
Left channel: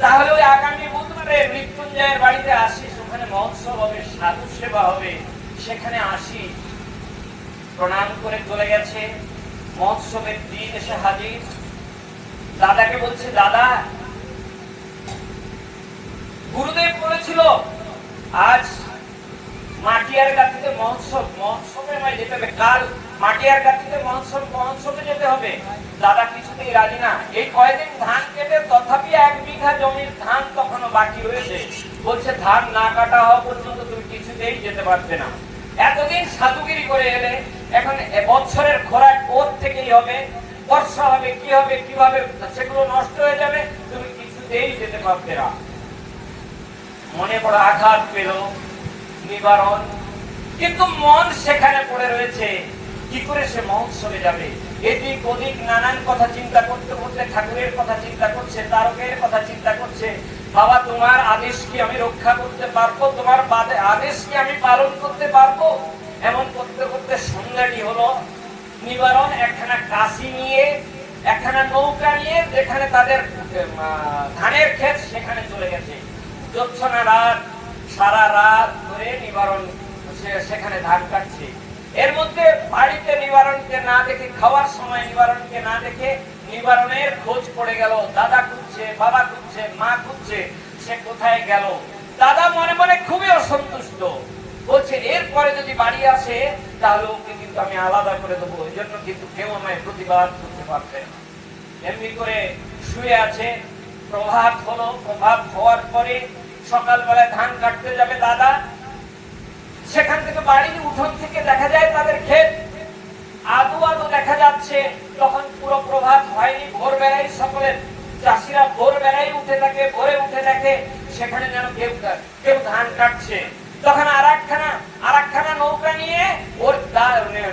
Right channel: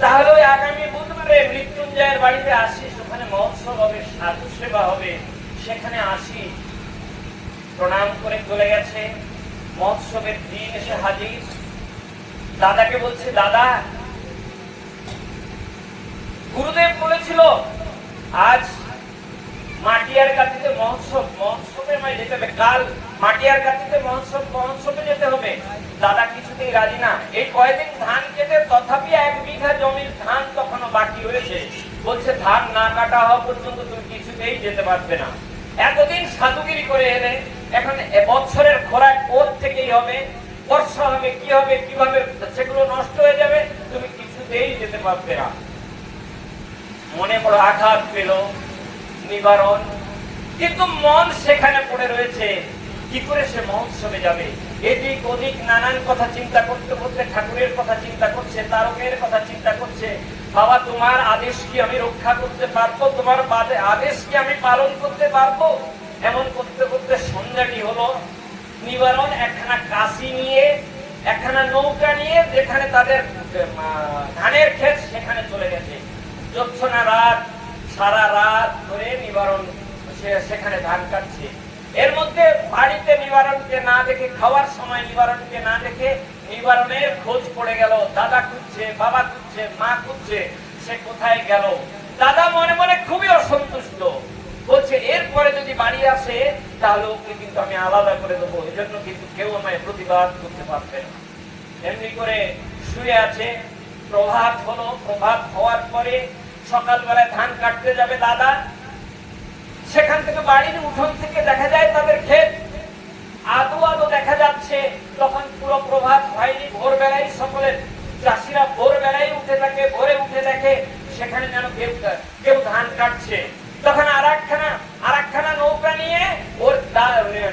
তাহলে ওই আগামী বুধবারে মৃত্যুঞ্জয়ের বাড়িতে আসিস, ওখানে মহোৎসব হবে, সাধু সেবা হবে, সেখানে আসিস। প্রণাম করে চলে গেছে। মহোৎসবের দিন এসে হাজির। দাদাকে বলছে, দাদা গুরুদেব বলেছিল আজ মাটিয়ারগাতিতে মহোৎসবে নয় যেতে হবে, কাল মাটিয়ারগাতিতে মহোৎসবে যেতে হবে। দাদা কিছুতেই রাজি না। এই কয়েকদিন ধান কেটে তথাপি 1 বিঘা জমির ধান তখনও বাকি রয়েছে। বলছে ধান না কাটা হওয়া পর্যন্ত তুমি কিছুতেই যেতে পারবে না। এতদিন সাধুগিরি করে এলে, এখন বছরের খোরাক ওর থেকেই হবে, বর্ষা হবে, কি হবে, কিভাবে সেগুলো নষ্ট হয়ে যাবে, তুমি কিছুতেই যেতে পারবে না। মনে বড় আঘাত পেল নিবারণ, কিন্তু মন সেখানে পড়ে রয়েছে, কি করে সে মহোৎসবে যাবে। এদিক ওদিক নানান কথা চিন্তা করতে করতে ঠাকুরের কথা চিন্তা করছে, তারকের কথা চিন্তা করছে। বাবা তোমার আদেশ কি আমি রক্ষা করতে পারবো, তোমার আদেশ কি আমি পালন করতে পারবো। এমন করতে করতে সন্ধ্যাটি হলো। নিবারণ একখানা কাশি নিয়ে, একখানা নৌকা নিয়ে, যেখানে তাদের ধানের ক্ষেত সেখানে চলে গেছে। জ্যোৎস্না রাত, সারা রাত ধরে নিবারণ সেখানে ধান কাটছে। এর মধ্যে বাড়িতে নিবারণকে না দেখে, খাওয়ার সময় নিবারণকে না দেখে নিবারণের খোঁজ পড়ে গেল। দাদা খুঁজছে, বাবা খুঁজছে, মা খুঁজছে, সে কোথায় গেল। দাদা মনে মনে খুবই অসন্তুষ্ট, বলছে এরপরে যদি বাড়ি আসে তাহলে ওকে কিন্তু আমি আলাদা করে দেবো, এই জন্য কিন্তু কেউ আমায় প্রতিবাদ করতে পারবে। এমনি করে শুয়ে আছে। প্রভাত হলো। প্রভাত হওয়ার পরে সকালবেলায় ধান কাটতে যাবে দাদা। সেখান থেকে বাড়ির উঠোন থেকে দেখা যায় তাদের ক্ষেত, আদো আদো দেখা যাচ্ছে। তখন পুরো প্রভাত হয়নি, ভোরবেলায় সকলের চাষিরা ভোরবেলায় উঠে থাকে, ভোরে উঠে দেখে সেখানে যেন কেউ ধান কাটছে। তখন আর একখানা নৌকা নিয়ে ওর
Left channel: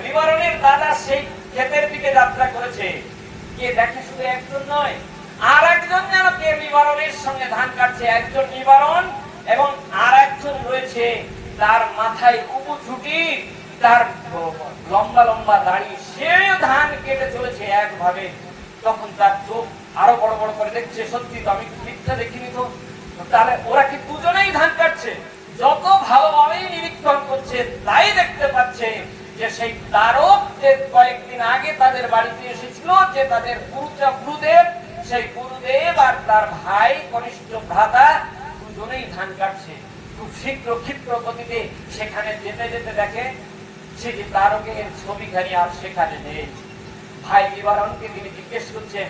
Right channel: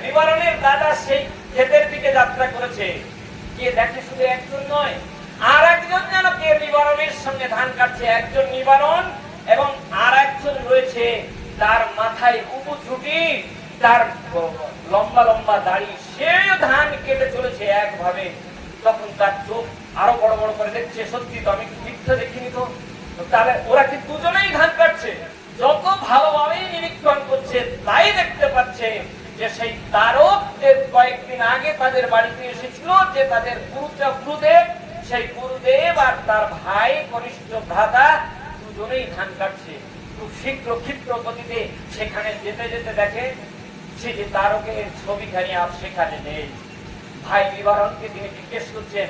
নিবারণের দাদা সেই ক্ষেতের দিকে যাত্রা করেছে। কে দেখে শুধু একজন নয়, আর একজন যেন কে নিবারণের সঙ্গে ধান কাটছে। একজন নিবারণ এবং আর একজন রয়েছে, তার মাথায় উবু ছুটি, তার লম্বা লম্বা দাড়ি, সে ধান কেটে চলেছে একভাবে। তখন তার চোখ আরো বড় বড় করে দেখছে, সত্যি তো আমি কি মিথ্যা দেখিনি তো, তাহলে ওরা কি দুজনেই ধান কাটছে। যত ভালোভাবেই নিরীক্ষণ করছে তাই দেখতে পাচ্ছে যে সেই তারক যে কয়েকদিন আগে তাদের বাড়িতে এসেছিল, যে তাদের গুরুদেব, সেই গুরুদেব আর তার ভাই কনিষ্ঠ ভ্রাতা দুজনেই ধান কাটছে। খুব শীঘ্র ক্ষিপ্র গতিতে সেখানে যেতে যেতে দেখে সেটি তারকের ছবিখানি আর সেখানে নেই। ভাই নিবারণকে তিনি জিজ্ঞেস করছেন,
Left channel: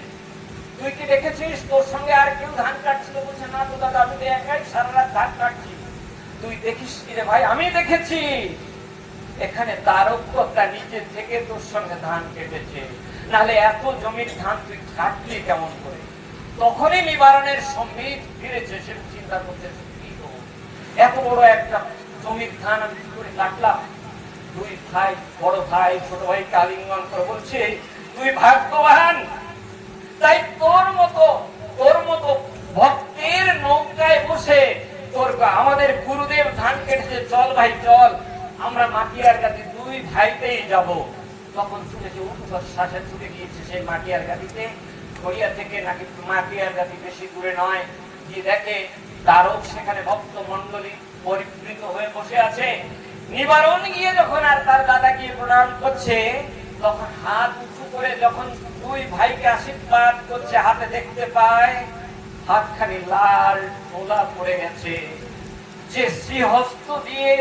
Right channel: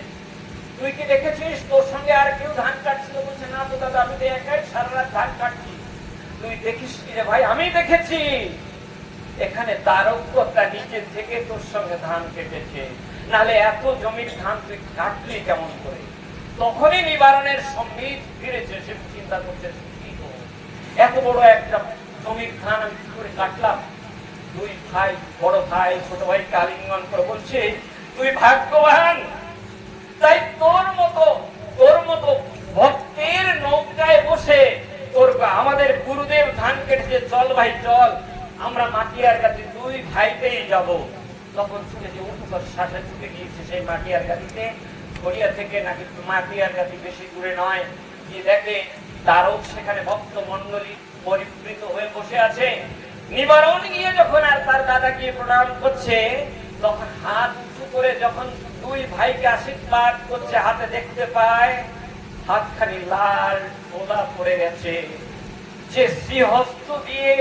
তুই কি দেখেছিস তোর সঙ্গে আর কেউ ধান কাটছিল? বলছে, না তো দাদা, আমি একাই সারা রাত ধান কাটছি। তুই দেখিস কি রে? ভাই আমি দেখেছি, এখানে তারক তো তার নিজের থেকে তোর সঙ্গে ধান কেটেছে, নাহলে এত জমির ধান তুই কাটলি কেমন করে? তখনই নিবারণের সম্বিত ফিরেছে। সে চিন্তা করতে, এত বড় একটা জমির ধান আমি কি করে কাটলাম? দুই ভাই, বড় ভাই ছোট ভাইকে আলিঙ্গন করে বলছে, তুই ভাগ্যবান, তাই তোর মতো ভক্তের নৌকায় বসে তোর আমাদের গুরুদেব ধান কেটেছে, চল ভাই চল, আমরা মাটিয়ার গাড়ি দুই ভাইতেই যাব। তখন শুনেছি উপর শ্বাসে ছুটে গিয়েছে সেই মাটিয়ার গাড়িতে, গড়িয়া থেকে নাকি মাটিয়ার গাড়ি বেশি দূরে নয়, গিয়ে দেখে তারও সেখানে ভক্ত মন্ডলী পরিবৃত হয়ে বসে আছে। নিবারণ গিয়ে যখন আর তার দাদা গিয়ে প্রণাম করছে, তখন হাত উঁচু করে যখন দুই ভাইকে আশীর্বাদ করছে, হাতে দেখতে পায় হাতখানি লাল ওলা পড়ে গেছে। যে শ্রীহস্ত দিয়ে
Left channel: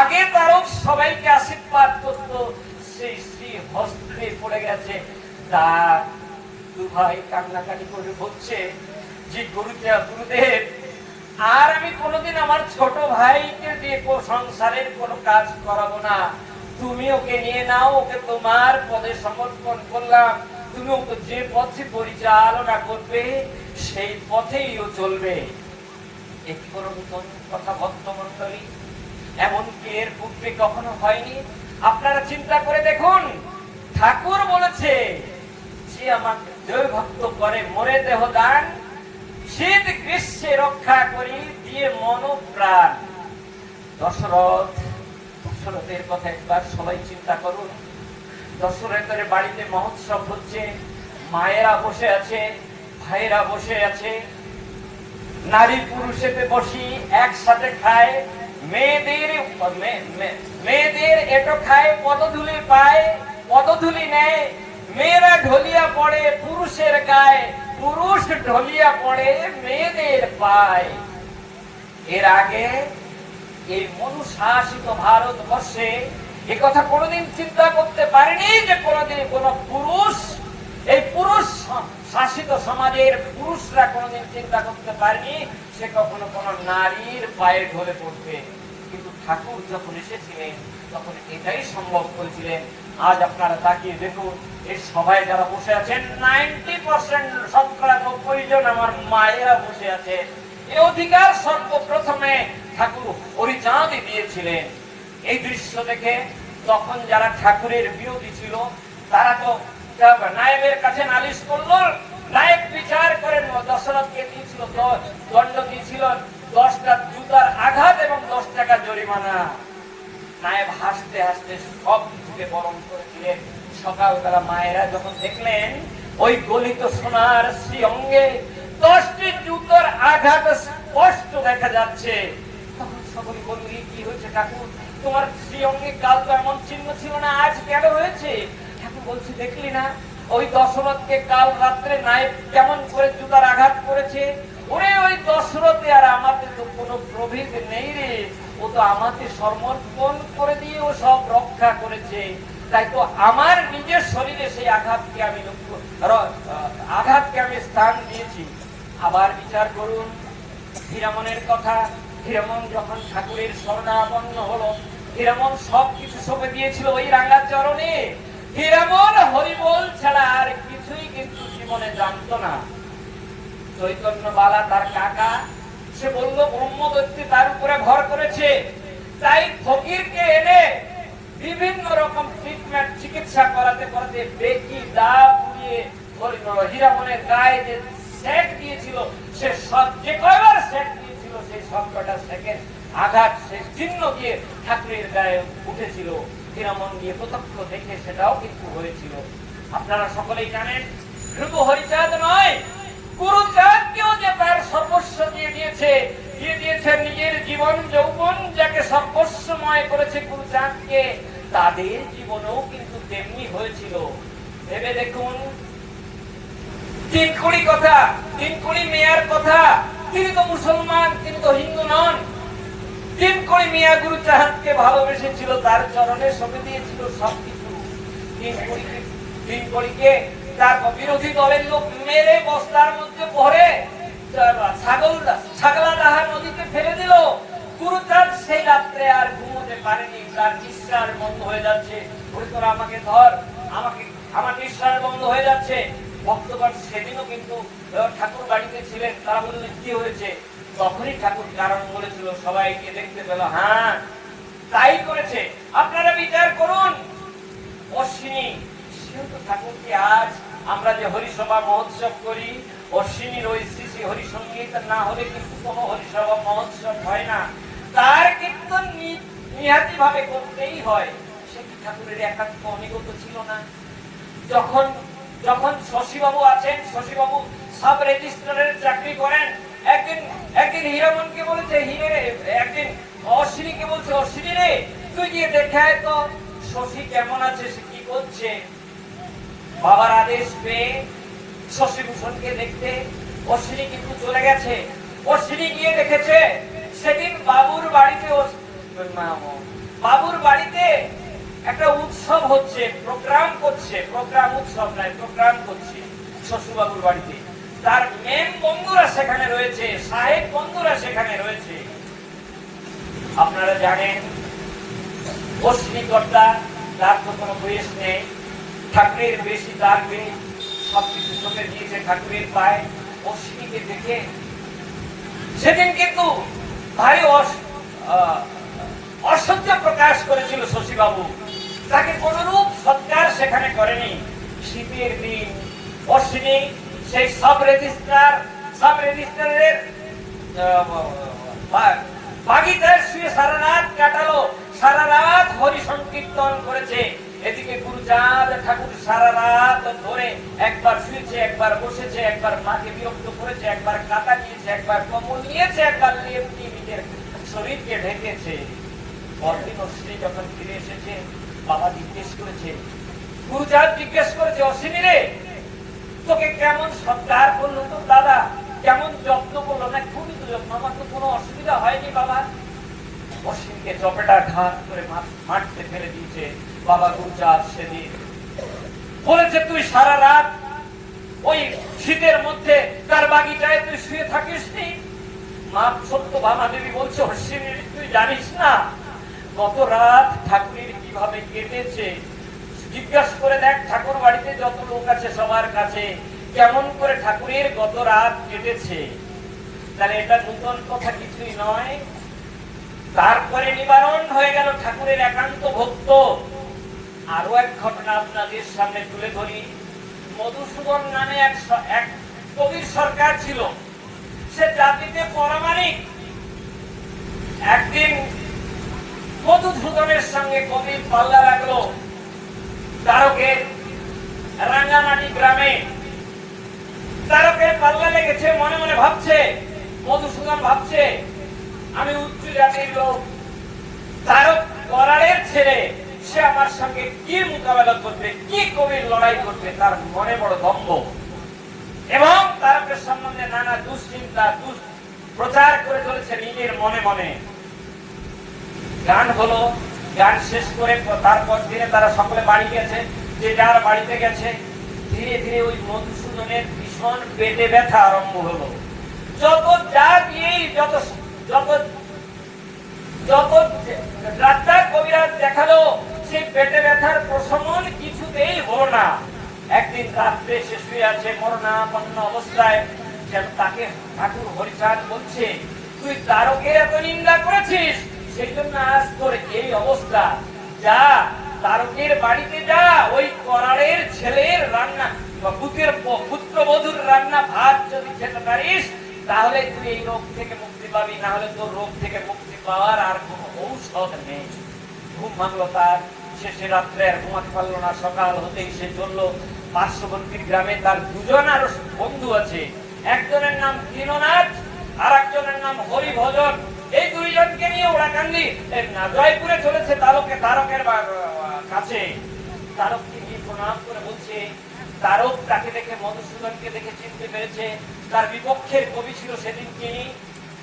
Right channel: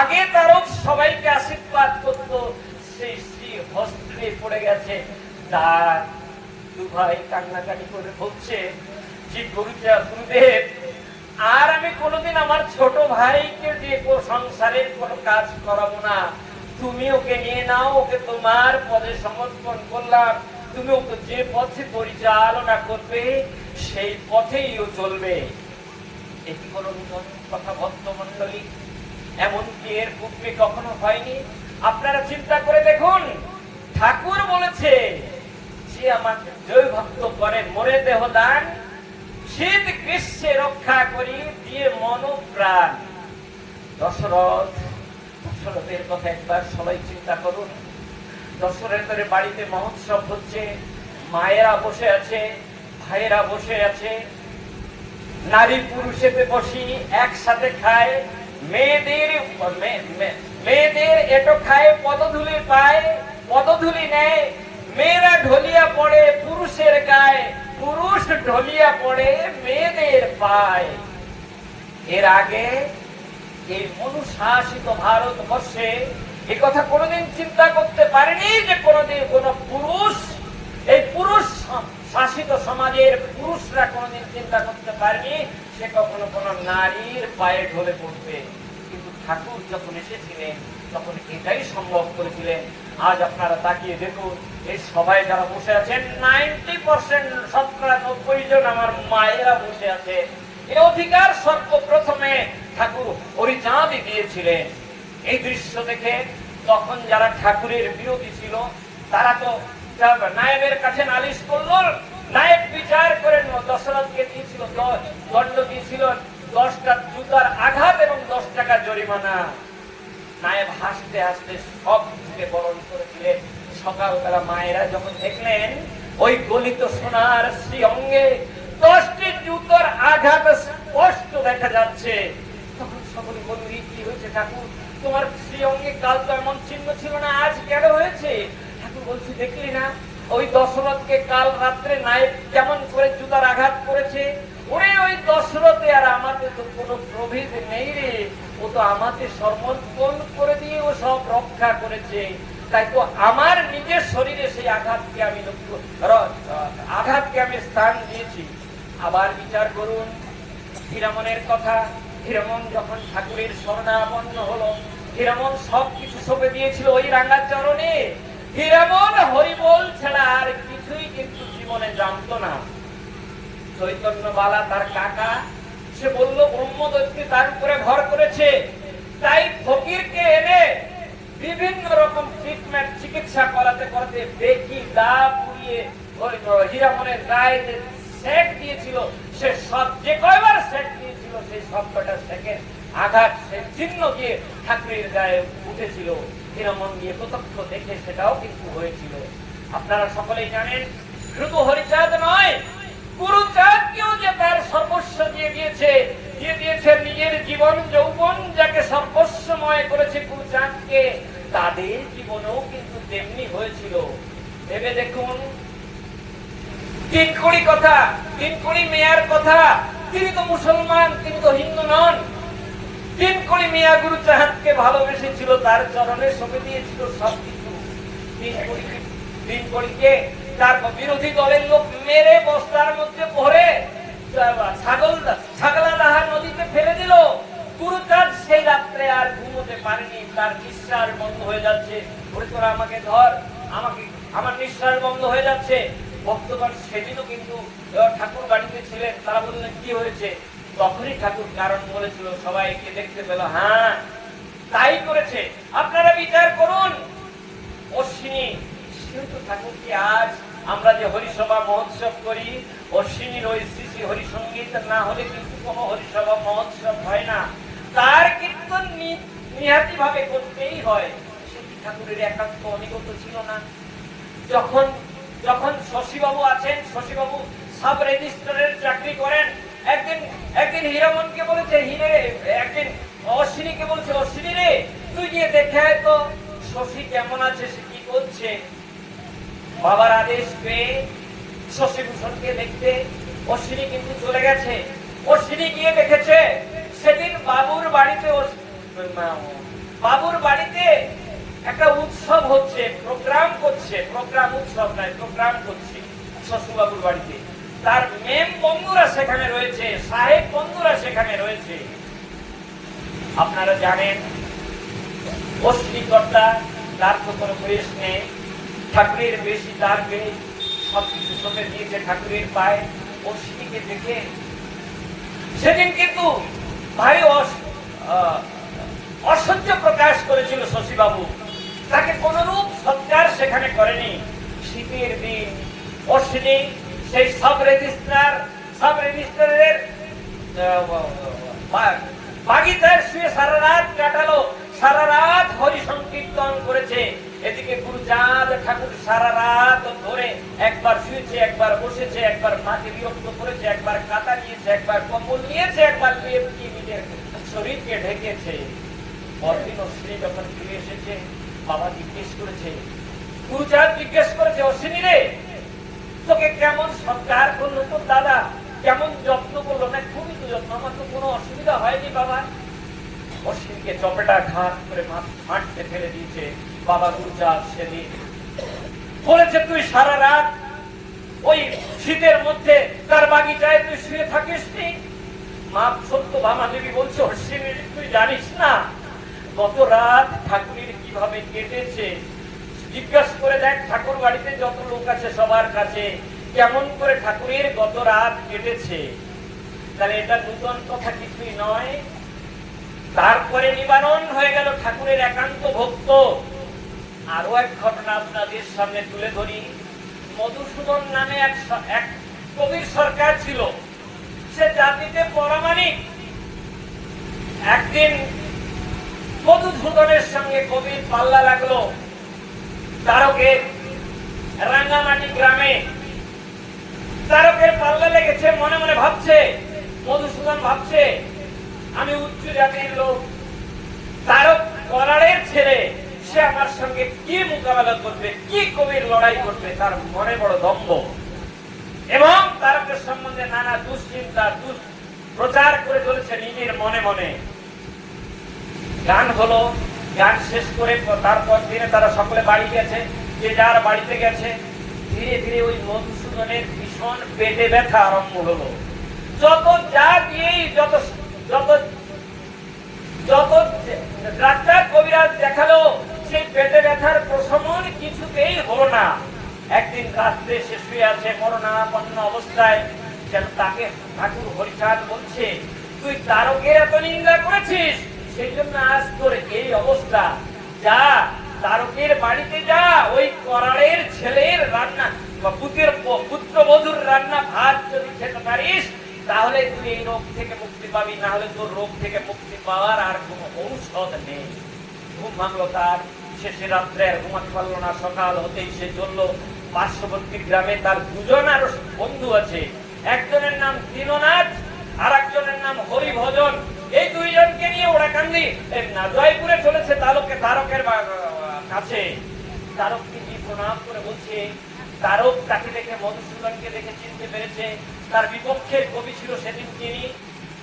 আগে তারক সবাইকে আশীর্বাদ করত, সেই শ্রীহস্তে পড়ে গেছে। তার দু ভাই কান্নাকাটি করে বলছে যে গুরুদেব, আর আমি কোনোদিন আমার ছোট ভাইকে দিয়ে সংসারের কোনো কাজ করাবো না, তুমি ওকে নিয়ে নাও, ওকে তোমার পদে সমর্পণ করলাম, তুমি ওকে যে পথে পরিচালনা করবে সেই পথেই ও চলবে। এটি কোনো নতুন কথা ভক্তমণ্ডলী, এমনকি এর পূর্বে কখনো হয়নি। আপনারা চিন্তা করে দেখুন, ঠাকুর বলেছে যে আমাকে জয় ভক্ত করে মরে দেহ দান, শীত গ্রীষ্মে রক্ষা করি দিয়ে মন প্রাণ। দশরথের কথা একবার সবাই চিন্তা করুন। দশরথের বাড়িতে মহোৎসব হচ্ছে, মায়েরা বসে আছে, ভাইয়েরা বসে আছে, নারী পুরুষেতে বসি একসাথে খায়, মেয়েদের এটো খায়, পদধূলি পায়, পদধূলি নেয়, মেয়েরা ঢলিয়া পড়ে পুরুষের গায়ে, পুরুষ ঢলিয়া পড়ে মেয়েদের পায়। এর আগে এই মনুশাসিত ভারতবর্ষে এ কথা কোনোদিন চিন্তা করতে পারেনি যে কোনোদিন কোন পুরুষ, এই পুরুষ শাসিত সমাজের পুরুষরা কোনোদিন চিন্তা করতে পারেনি সে কখনো কোন নারীর পায়ে ঢলে পড়বে। কিন্তু ঠাকুর যখন এসেছিলেন তখন এটাই সম্ভব করেছিলেন। আজ আপনারা তাকিয়ে দেখুন, এই সবাই যারা বসে আছেন 90% 90 জন আমার মায়েরা বসে আছে। এই অধিকার সর্বপ্রথমে ঠাকুর হরিচাঁদই দিয়েছিলেন। এই দৃশ্য দেখে তখন যারা ঠাকুরের বিরোধী ছিল তারা তো নায়েবের কাছে নালিশ করলো, নায়েব বিচার করে দশরথকে দিয়েছিল, দণ্ড দিয়েছিল 10টা জুতার আঘাত এবং 10 টাকা জরিমানা। নায়েব হাসতে হাসতে সব থেকে বরণ করেছিলেন। সকালবেলা মায়েরা যখন দেখলেন ওই গলিত সোনার শ্রী অঙ্গে 10টি জুতার আঘাত স্পষ্ট দেখা যাচ্ছে, তখন সকলে বললি, কি হয়েছে ঠাকুর? তোমার শ্রী অঙ্গে কাল তো এমন চিহ্ন ছিল না, আজ কেন হয়েছে? ঠাকুর বলছি, দেখলি না ওই দশরথকে কাল রাত্রে নায়েব কেমন করে জুতার আঘাত করেছে? ওরে ওই দশরথে আর আমাদের তো কোনো প্রভেদ নেই রে, ও তো আমাকে সমর্পণ করে দিয়ে ও সব রক্ষা করেছে। তাই তো আমার নিজের শরীরে সেই আঘাতকে আমি স্থান দিয়েছি। আবার বিচার করুন হীরামনের কথা। হীরামন যখন ঠাকুরের শরণাপন্ন হলো, হীরামন সবকিছু সঁপে দিয়েছিল ওই রাঙা চরণে। হীরামন হরিবোল ছাড়া আর কিছুই কিন্তু জীবনে জানতো না। চৈতন্য বালা তার কাকা, সে বলল ব্রহ্মদত্তী তার উপরে ভর করেছে, তাই ফকিরকে এনে বিভিন্ন রকম ট্রিটমেন্ট চিকিৎসা করাতে করাতে বেকি দা পুড়িয়ে হীরামনের গায়ে যে সেক দিয়েছিল, সে সব যে কয়বার সেক দিয়েছিল সেই সবকটা সেকের আঘাত সে চিহ্ন দিয়ে ঠাকুরের গায়ে উঠেছিল। হীরামন দিয়ে প্রত্যক্ষ দেখে সেটাও কিন্তু হয়েছিল। আপনারা সকলেই জানেন, শুধু হরিচাঁদ নয়, গুরুচাঁদকেও যে তার সর্বস্ব দিয়ে দিয়েছে নিজের জীবন যৌবন যাকে সর্বস্বময় করেছে গুরুচাঁদকে, তাদের জীবনেও কিন্তু তেমনি হয়েছিল। ভেবে দেখুন, তিনকুড়ি কথা, তিনকুড়ি মেয়ার কথা, তিনি তো মুসলমান, তিনি তো হিন্দু নন। তিনকুড়ি মিয়া গুরু চাঁদকে ভালোবেসেছিল, তার চরণে সঁপে দিয়েছিল সবকিছু। তিনকুড়িকে তার বিরোধী দলের লোক মেরে বস্তার মধ্যে ভরে ছাগলাদাহার নদীতে ফেলে দিল। গুরুচাঁদ সেই রাত্রে আর ঘুমোতে পারেনি, তার নিঃশ্বাস বন্ধ হয়ে যাচ্ছে। তোরা আমাকে ধর, আমার নিঃশ্বাস বন্ধ হয়ে যাচ্ছে। ভক্তগণ সেদিনও কিন্তু ঠাকুর বাড়িতে ছিলেন, তারা বললেন কি হয়েছে? তখনই ঠাকুর কারণ বলেছিল, সবাইকে দেখতে পেল। হ্যাঁ, তাই করেছে। আপনারা বিচার করুন। অশ্বিনী কিন্তু ঠাকুরকে আজ আমরা যে হরিসভা মহোৎসব করি, অশ্বিনীর ওই শ্রী শ্রী হরিসঙ্গীত না হলে কিন্তু কোনো হরিসভা মহোৎসব হয় না। তার কিন্তু নিহাতি ভাবে করতেই হয়। সেটি ঠাকুরের একান্ত অনিগত ছিল না। যখন যখন শশীবাবু আছেন, শশীবাবু সাব রেজিস্ট্রারের চাকরি করেন, একদিন হীরামনকে বলেছে, একদিন অশ্বিনীকে বলছে, অশ্বিনী রে তুই গিয়ে দেখে আয় তো শশী কেমন আছে, সে কি করছে। বাবার আদেশ পেয়ে শশীভূষণকে দেখতে অশ্বিনী কিন্তু চলে গেছে। অশ্বিনী গিয়ে দেখেছে সেদিন বাবুর বাড়িতে একটা উৎসব হচ্ছে, প্রোগ্রাম করছে, উৎসব নয়, প্রোগ্রাম করছে শ্বশুরবাবুর বাড়িতে। তার মেম বন্ধুরা সেখানে রয়েছে, সাহেব বন্ধুরা সেখানে রয়েছে। আপনারা জানেন অশ্বিনী কর্তা, তার তো কোনো বয়স নেই, ঠাকুরের বেশি তার বেশ সবকিছু সঁপে দিয়েছে ঠাকুরের পায়ে। অশ্বিনীকে দেখে সেদিন কিন্তু ভারী অসহ্য প্রকাশ করেছিল শশীবাবু। তাকে কোনরূপ সৎকার সেখানে করেনি। শীতের দিন অশ্বিনী সেই সাব রেজিস্ট্রারের বাগিচায় শুয়ে সারা রাত কাটালো, সারা রাত হরি সংকীর্তন করেছে। এদিকে গুরুচাঁদ ঠাকুর সারা রাত ধরে একবার শুয়েছে, একবার বসেছে, একবার মাকে বিরক্ত করেছে, একবার কাটা নিয়েছে, একবার কম্বল নিয়েছে, একবার নিজের শরীরকে ঢেকেছে। পরদিন অশ্বিনী যখন ফিরে এসেছে, বাবা জিজ্ঞেস করেছে, গুরুচাঁদ জিজ্ঞেস করেছে, অশ্বিনী রে তোকে কেমন সৎকার করলো তোর দাদা, কেমন যত্ন করলো? না খুবই যত্ন, আমার তো কোনো অসুবিধা হয়নি বাবা। অশ্বিনীকে চপেটা ঢাক করে মাঠতে ফেলে দিয়েছে বাবা গুরুচাঁদ। সেদিন বলেছে, তুই সারা রাত ওই শীতের মধ্যে তার বাগিচায় তুই শুয়ে থাকিস নি? মা সত্যভামা দেবী বলছে, অশ্বিনী তুই জানিস না গত রাত ঠাকুরের কিভাবে কেটেছে? জিজ্ঞাসা করে দেখ ঠাকুর বাড়িতে যত লোক আছে সবার কাছে, কেমন করে ঠাকুরের গত রাত কেটেছে। তাহলে এটা নূতন কথা কিছুই নয়। তারপরে নিবারণ হয়ে গেল ঠাকুরের একান্ত ভক্ত। আরো এক ঘটনা আপনাদের সামনে তুলে ধরি। মধুসূদন নামে এক কবির সরকার ছিল, সে জাতিতে পরামানিক। একদিন মধুসূদনের সঙ্গে কবির পাল্লা লাগলো তারকের রাঙ্গামাটি গ্রামে। তারকের পাল্লা লেগেছে, মনে মনে ভাবছে, মধুসূদন ভাবছে আমি উচ্চ জাতির লোক, তারক করারের ছেলে, সে আমার সঙ্গে কি মোকাবেলা করবে, কি কবির লড়াই করবে, তার মনে বড় দম্ভ। এবং তারকের সম্বন্ধে নানা দুশ্চিন্তা প্রচার করে চলেছে নিজের মনে মনে। গান হলো, গান শেষ করে তারপর দিনে তারা সকলে বাড়ি গেছে, যে যার বাড়িতে গেছে। ধীরে ধীরে ওই মধুসূদনের ভীষণ পেটে ব্যথা আরম্ভ হলো। যত যা দিয়েই যত ডাক্তার কবিরাজ দেখালো, সেই পেটে ব্যথার প্রশমন কিছুতেই হলো না। একদিন রাত্রে সে শুয়ে আছে মরণাপন্ন অবস্থায়। তাকে ঠাকুর হরিচাঁদ বলছে, তুই তারকের এত নিন্দা করেছিস, সেই জন্য আজ তোর এই অবস্থা। যা তারকের বাড়িতে যা, ওই করারের ছেলের রান্না, পুত্রবধূর রান্না ভাত যদি খেতে পারিস, তাহলে তুই এই রোগ থেকে মুক্তি পাবি। না হলে তোর রোগ থেকে মুক্তি পাওয়ার আর কোন ঔষধ নেই। ঘুম ভাঙলো তার। শেষে রাত্রে আর ঘুমাতে পারলো না। সকাল হতেই সে চললো পার্শ্ববর্তী গ্রামে। তার দুজন আরো বন্ধু আছে, একজনের নাম দীননাথ আর একজনের নাম হরিভজন। এই দুইজনকে নিয়ে ওরা কান্দি জয়পুরে চলেছে তারকের কাছে তারককে গিয়ে প্রণাম করে বলছে, তারক তাকে দেখে মধুসূদনকে দেখে চিনতে পেরেছে, তার বিপক্ষের কবি ছিল সেদিন তিনি,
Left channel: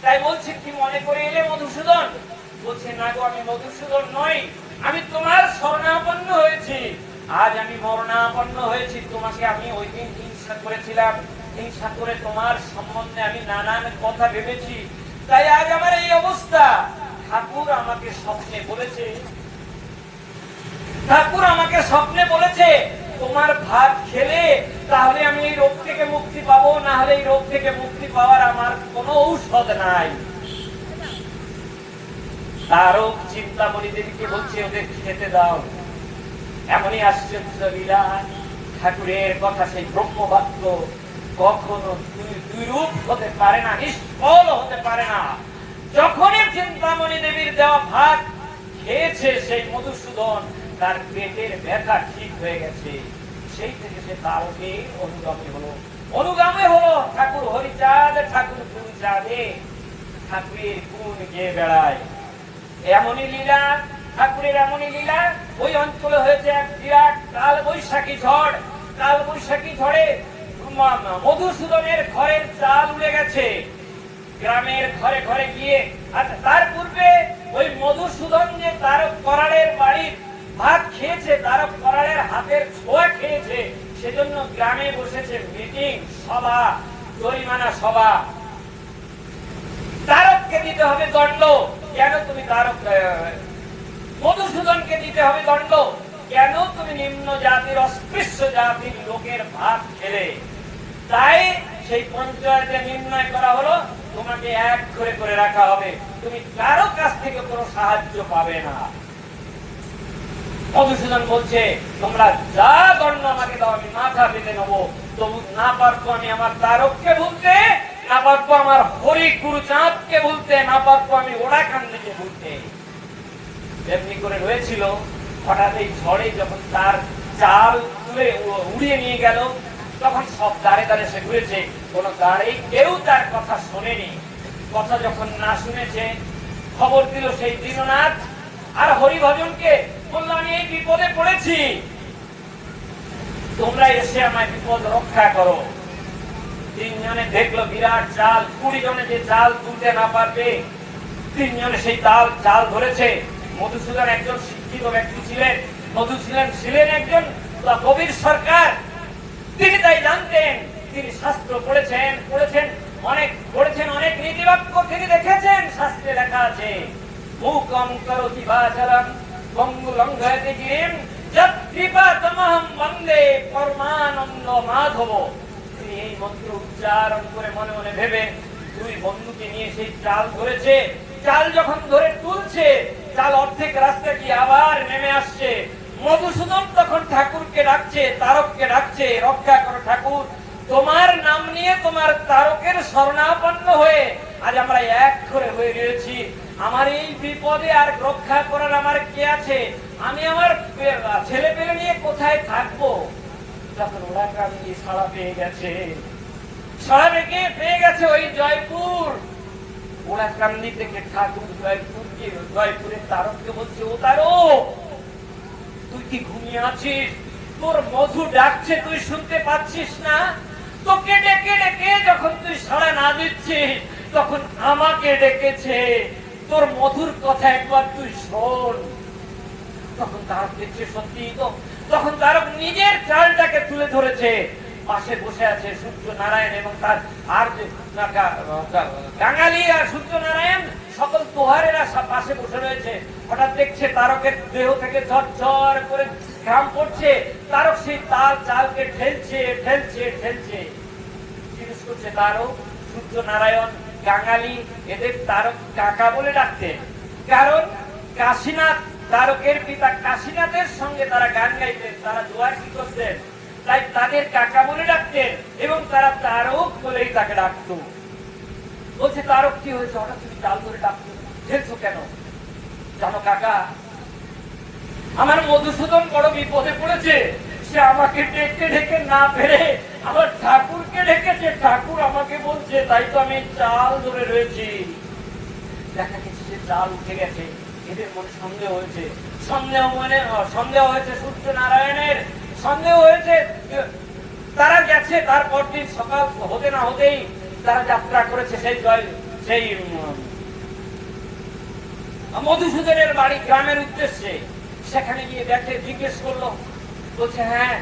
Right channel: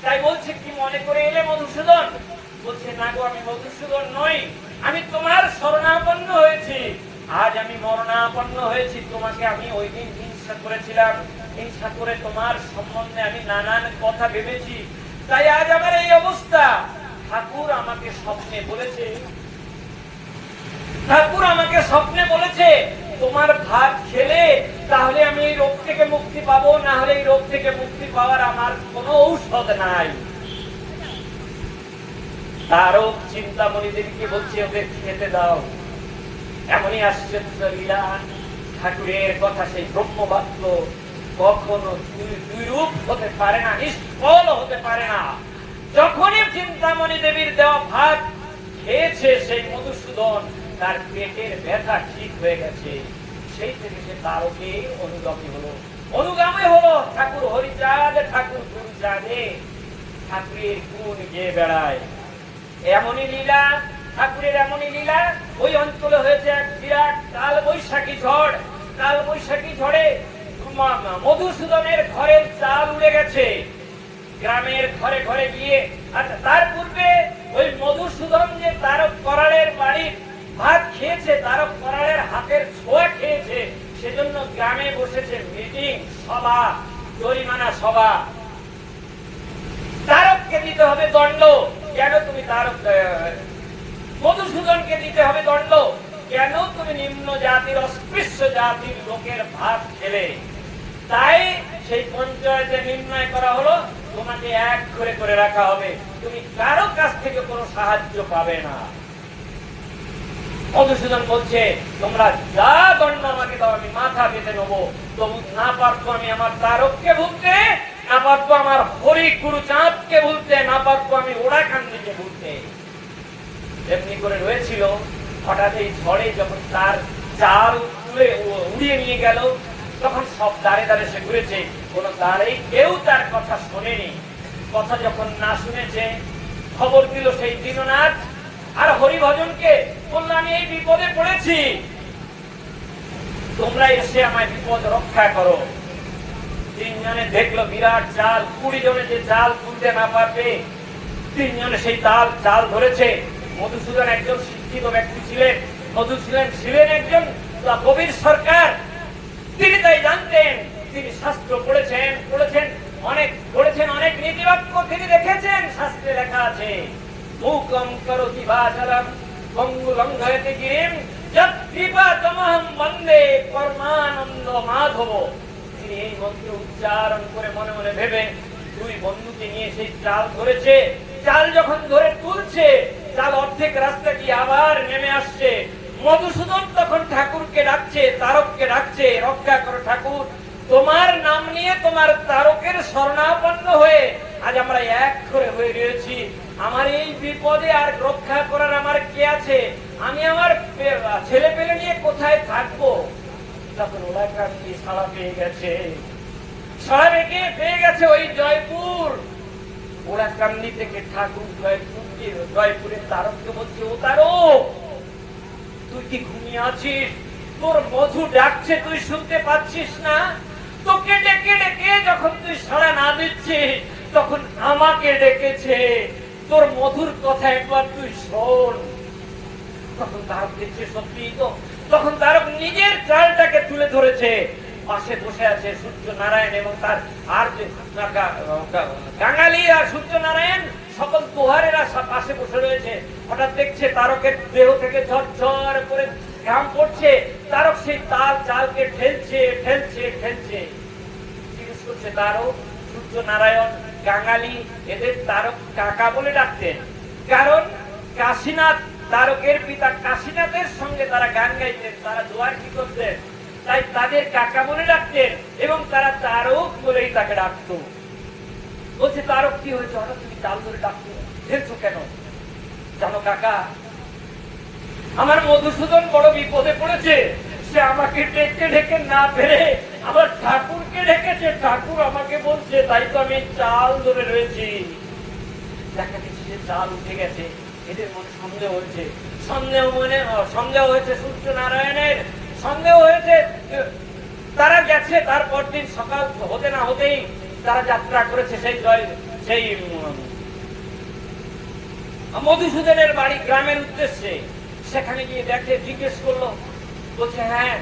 তাই বলছে কি মনে করে এলে মধুসূদন? বলছে না গো, আমি মধুসূদন নই, আমি তোমার শরণাপন্ন হয়েছি, আজ আমি মরণাপন্ন হয়েছি। তোমাকে আমি ওই দিন হিংসা করেছিলাম, হিংসা করে তোমার সম্বন্ধে আমি নানান কথা ভেবেছি, তাই আজ আমার এই অবস্থা। ঠাকুর আমাকে স্বপ্নে বলেছে, ঠাকুর আমাকে স্বপ্নে বলেছে তোমার ভাত খেলে তাহলে আমি এই রোগ থেকে মুক্তি পাবো, না হলে এই রোগ থেকে মুক্তি পাওয়ার আমার কোনো ঔষধ নাই। তারও চিন্তামণি দেবীকে বলছে ওদের খেতে দাও। এমনই আশ্চর্য লীলা, ঠাকুরের কথা সেই ব্রহ্মবাক্য কখনো দুই রূপ হতে পারে না, নিষ্ফল হতে পারে না। যখনই চিন্তামণি দেবীর দেওয়া ভাত খেয়েছে সেই মধুসূদন, তার পেটের ব্যথা ঠিক হয়ে গেছে। সেই থেকে সে তারকে অনুগামী হলো, অনুগামী হলো ঠাকুর হরিচাঁদ, ঠাকুর গুরুচাঁদে ঠাকুরের গুণ গেয়ে বেড়ায়। এমনই লীলা, ঠাকুরের এমনই লীলা। ওই অঞ্চলে হয়েছে এক বিরাট কাল বৈশাখী ঝড়। কাল বৈশাখী ঝড়ে মধুসূদনের ঘরের চাল উড়ে গেছে, গ্রামের ঘরে ঘরে গিয়ে। আচ্ছা, তার পূর্বে ওই মধুসূদন যে তারক করালের বাড়ির ভাত খেয়েছে, তারক করালের হাতের ছোঁয়া খেয়েছে, সেজন্য গ্রামে বসেছে মিটিং, সভা, জরিমানা সভা। তারককে দিতে হবে দণ্ড। কেন তুমি তারক? মধুসূদনকে দিতে হবে দণ্ড। কেন তুমি নিম্ন জাতির অস্পৃশ্য জাতির লোকের ভাত খেলে? তাই সেই পঞ্চায়েতে নির্ণয় করা হলো তোমাকে এক করে করে রাখা হবে, তুমি কারো কাছ থেকে কোনো সাহায্য পাবে না। মধুসূদন বলছে তোমরা যা দণ্ড আমাকে দাও আমি মাথা পেতে নেবো, তবু না পারতো আমি আমার তারককে ভুলতে, না পারতো আমার হরি গুরুচাঁদকে ভুলতে, না পারতো আমি ওড়াকান্দিকে ভুলতে। এমনি করে রয়েছিল। হঠাৎ এই ঝড়ে যখন তার চাল উড়িয়ে নিয়ে গেল, তখন সব দাঁড়ে দাঁড়ে সে ঘুরেছে, কোন দাঁড়েই কেউ তার কথা শোনেনি। কথা যখন না শুনেছে, খবর দিল সেই দীননাথ আর হরিভজনকে, বলল আমি এই বিপদে পড়েছি, তোমরা এসে আমায় বিপদ রক্ষা করো। তিনজনে দেখলো বিরাট চাল, 20 জনে যে চাল তুলতে না পারবে, তিনজনে সেই চাল ধরেছে। মধুসূদন একজন শিক্ষিত ব্যক্তি ছিলেন, মধুসূদন ছিলেন একজন কবির সরকার, তিনি তাই জানতেন, তিনি শাস্ত্র পড়েছেন অনেক নীতিবাক্য তিনি দেখেছেন, শাস্ত্রে লেখা আছে মূকং করোতি বাচালম পঙ্গু লঙ্ঘয়তে গিরিম যৎ কৃপাতমহং বন্দে পরমানন্দ মাধব। তিনি এই মন্ত্র উচ্চারণ করে মনে মনে ভেবে দুই বন্ধুকে নিয়ে সেই চাল ধরেছে। চাল যখন ধরে তুলছে, চাল অর্ধেক রাস্তা গিয়ে আবার নেমে আসছে। মধুসূদন তখন ঠাকুরকে ডাকছে, তারককে ডাকছে, রক্ষা করো ঠাকুর, তোমার নাম নিয়ে তোমার তারকের শরণাপন্ন হয়ে আজ আমরা এক করে হয়ে রয়েছি। আমার এই বিপদে আর রক্ষা করার আমার কে আছে? আমি আমার ছেলে পেলে নিয়ে কোথায় থাকবো? তখন ওড়াকান্দি সাড়া পেয়ে গেছে, সাড়া পেয়ে গেছে ওই জয়পুর। ওড়াকান্দি থেকে ঠাকুর জয়পুরের তারককে বলছে, ও তারক, তুই কি ঘুমিয়ে আছিস? তোর মধু ডাকছে, তুই শুনতে পাচ্ছিস না? তোকে ডেকে ডেকে যখন তুই সাড়া না দিচ্ছিস, তখন আমাকে ডেকেছে, তোর মধুর কথা একবার তুই শোন। তখন তারক দেখছে সত্যি তো, তখন তারক নিজের চালটাকে তুলে ধরেছে। পাশে বসে আছে সূর্য নারায়ণ এবং তার আর কাঙালি আর সূর্য নারায়ণ, সকল তোহারেরা পাশে বসে রয়েছে। হঠাৎ দেখছে তারকের দেহ থেকে ঝরঝর করে ঘাম পড়ছে, তারক সেই চালকে ঠেলছে ঠেলছে ঠেলছে। জিজ্ঞেস করছে তারক, সূর্য নারায়ণ, কাঙালি, এদের তারক কাকা বলে ডাকতেন, কারণ কাশীনাথ, তারকের পিতা কাশীনাথের সঙ্গে তারা গান গাইতেন, তারা দোয়া কি করতেন, তাই তাদের কাকা বলে ডাকতেন এবং তারা তারক বলেই তাকে ডাকত। বলছে তারক কি হয়েছে, হঠাৎ তুমি চাল ধরে ডাকছো, ঠেলছো কেন? জানো কাকা, আমার মধুসূদন বড় বিপদে পড়েছে, সে আমাকে ডেকে ডেকে না পেরে আমার ঠাকুরকে ডেকেছে, ঠাকুর আমাকে বলছে, তাই তো আমি চাল ধরে রয়েছি। দেখা যাচ্ছে চাল উঠে গেছে, এদের মধ্যে সন্দেহ হয়েছে, সন্দেহ হয়েছে সূর্যনারায়ণের, সন্দেহ হয়েছে। তারা গেছে, তারপর দিন সকাল হতে না হতেই তারা যাত্রা করেছে সেই মধুসূদনের বাড়ি গ্রামের উদ্দেশ্যে। সেখানে গিয়ে দেখে, জিজ্ঞেস করলো, বলছে হ্যাঁ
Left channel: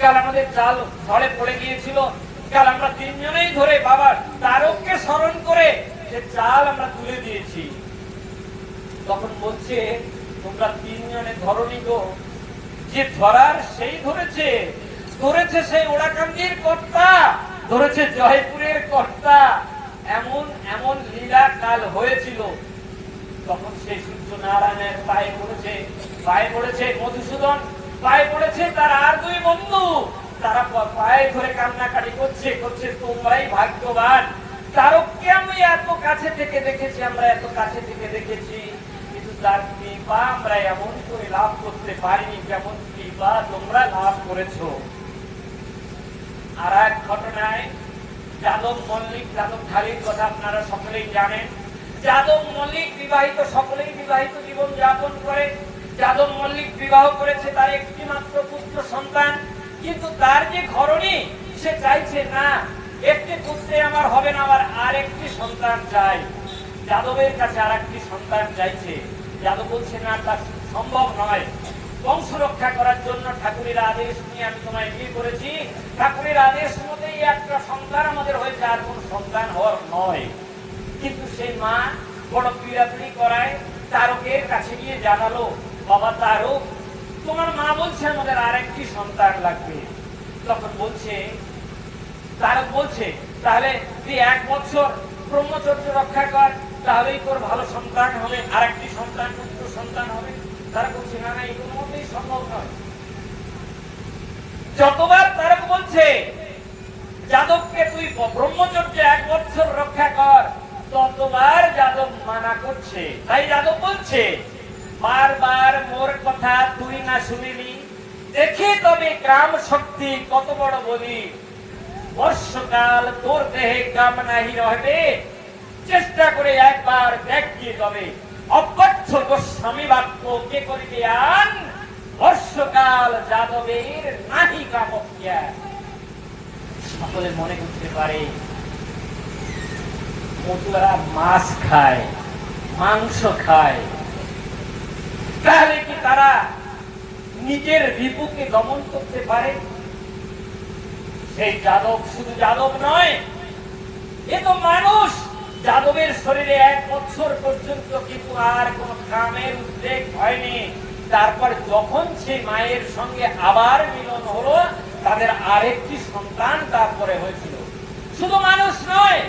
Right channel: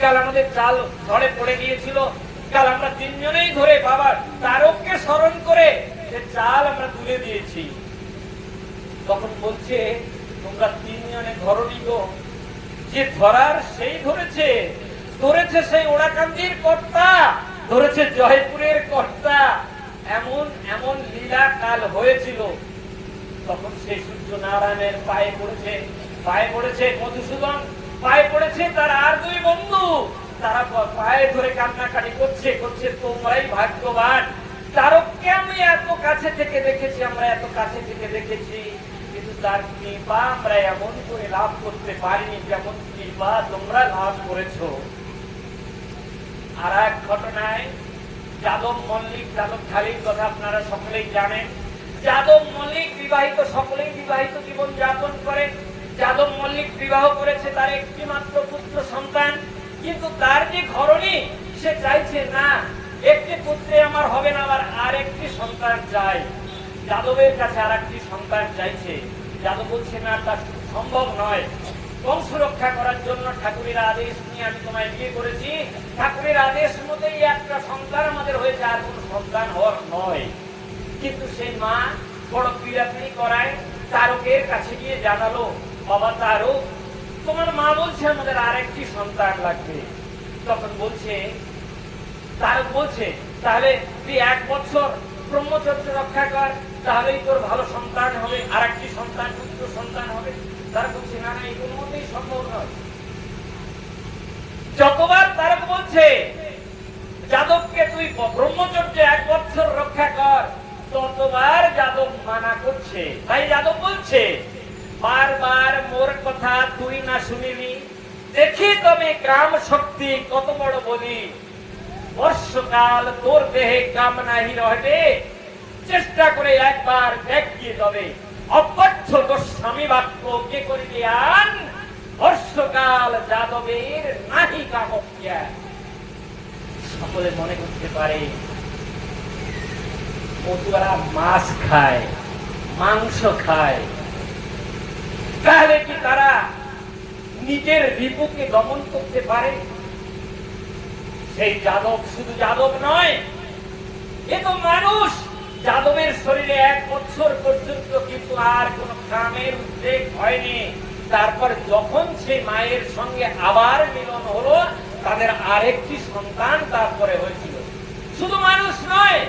কাল আমাদের চাল ঘরে পড়ে গিয়েছিল, কাল আমরা তিনজনেই ধরে বাবা তারককে স্মরণ করে সে চাল আমরা তুলে দিয়েছি। তখন বলছে তোমরা তিনজনে ধরনি গো, যে ধরার সেই ধরেছে সেই ওড়াকান্দির কর্তা, ধরেছে জয়পুরের কর্তা। এমন এমন লীলা কাল হয়েছিল। তখন সেই সূর্যনারায়ণের পায়ে পড়েছে মধুসূদন, পায়ে পড়েছে তার আর দুই বন্ধু। তারা পায়ে ধরে কান্নাকাটি করছে, তোমরাই ভাগ্যবান, তারককে আমি এত কাছে থেকে দেখেছি, আমরা এত কাছে থেকে দেখেছি, কিন্তু তার কৃপা আমরা এমন করে লাভ করতে পারি যেমন কৃপা তোমরা লাভ করেছো। আর এক ঘটনায় যাদব মল্লিক, যাদব ঢালির কথা আপনারা সকলেই জানেন। যাদব মল্লিক বিবাহিত, সকলেই বিবাহিত জীবন যাপন করে। যাদব মল্লিক বিবাহ করেছে, তার একটি মাত্র পুত্র সন্তান, কিন্তু তার যে ঘরণী সে চাইছে না, একটি পুত্রে আমার হবে না, আমার আর একটি সন্তান চাই। যাদবের কাছে আর একটি সন্তান চাইছে। যাদব বলছে না, তা সম্ভব নয়। বংশ রক্ষা করার জন্য ঠাকুরের আদেশ নিয়ে আমি তোমায় বিয়ে করেছি, ঠাকুরের আদেশ মতেই একটা সন্তান আমাদের হয়েছে, আর কোন সন্তান হওয়ার নয়। কিন্তু সেই মা বড় পীড়াপিড়ি করায় তারকের কাছে গিয়ে জানালো, বাবা তারক, তোমার মা বলছে আমাদের আর একটি সন্তান লাগবে। তখন তারক বলছে তাহলে তুই 1 বছর ব্রহ্মচর্য রক্ষা কর, তাহলেই তোর ভালো সন্তান হবে, আর একটি সন্তান, পুত্র সন্তান হবে। তারা বলছে না না, এগুলোর মধ্যেই সম্ভব নয়। যতবার তারক বলছে যাদবকে তুই ব্রহ্মচর্য 1 বছর রক্ষা কর, ততবার যাদব মানা করছে। তাই যাদব বলছে, বারবার মোর কথা তুই না শুনিলি, দেখি তবে কাম শক্তি কত বড় বলি, বর্ষকাল তোর দেহে কাম নাহি রহবে, চেষ্টা করে একবার দেখিয়ে যাবে, অপথ্য গোস্বামী বাক্য কে করিলে আন, বর্ষকাল যাদবের নাহি কামক্যা। সকলে মনে করতে পারে মতুয়ারা মাছ খায়, মাংস খায়, তাহলে কি তারা নিজের রিপুকে দমন করতে পারে? সেই যাদব শুধু যাদব নয়, এ তো মানুষ। যাদবের শরীরে 1 বছর পর্যন্ত কিন্তু আর কোন কামের উদ্রেক হয়নি। তারপর যখন সেই মায়ের সঙ্গে আবার মিলন হলো, তাদের আরেকটি সন্তান তারপরে হয়েছিল। শুধু মানুষ নয়,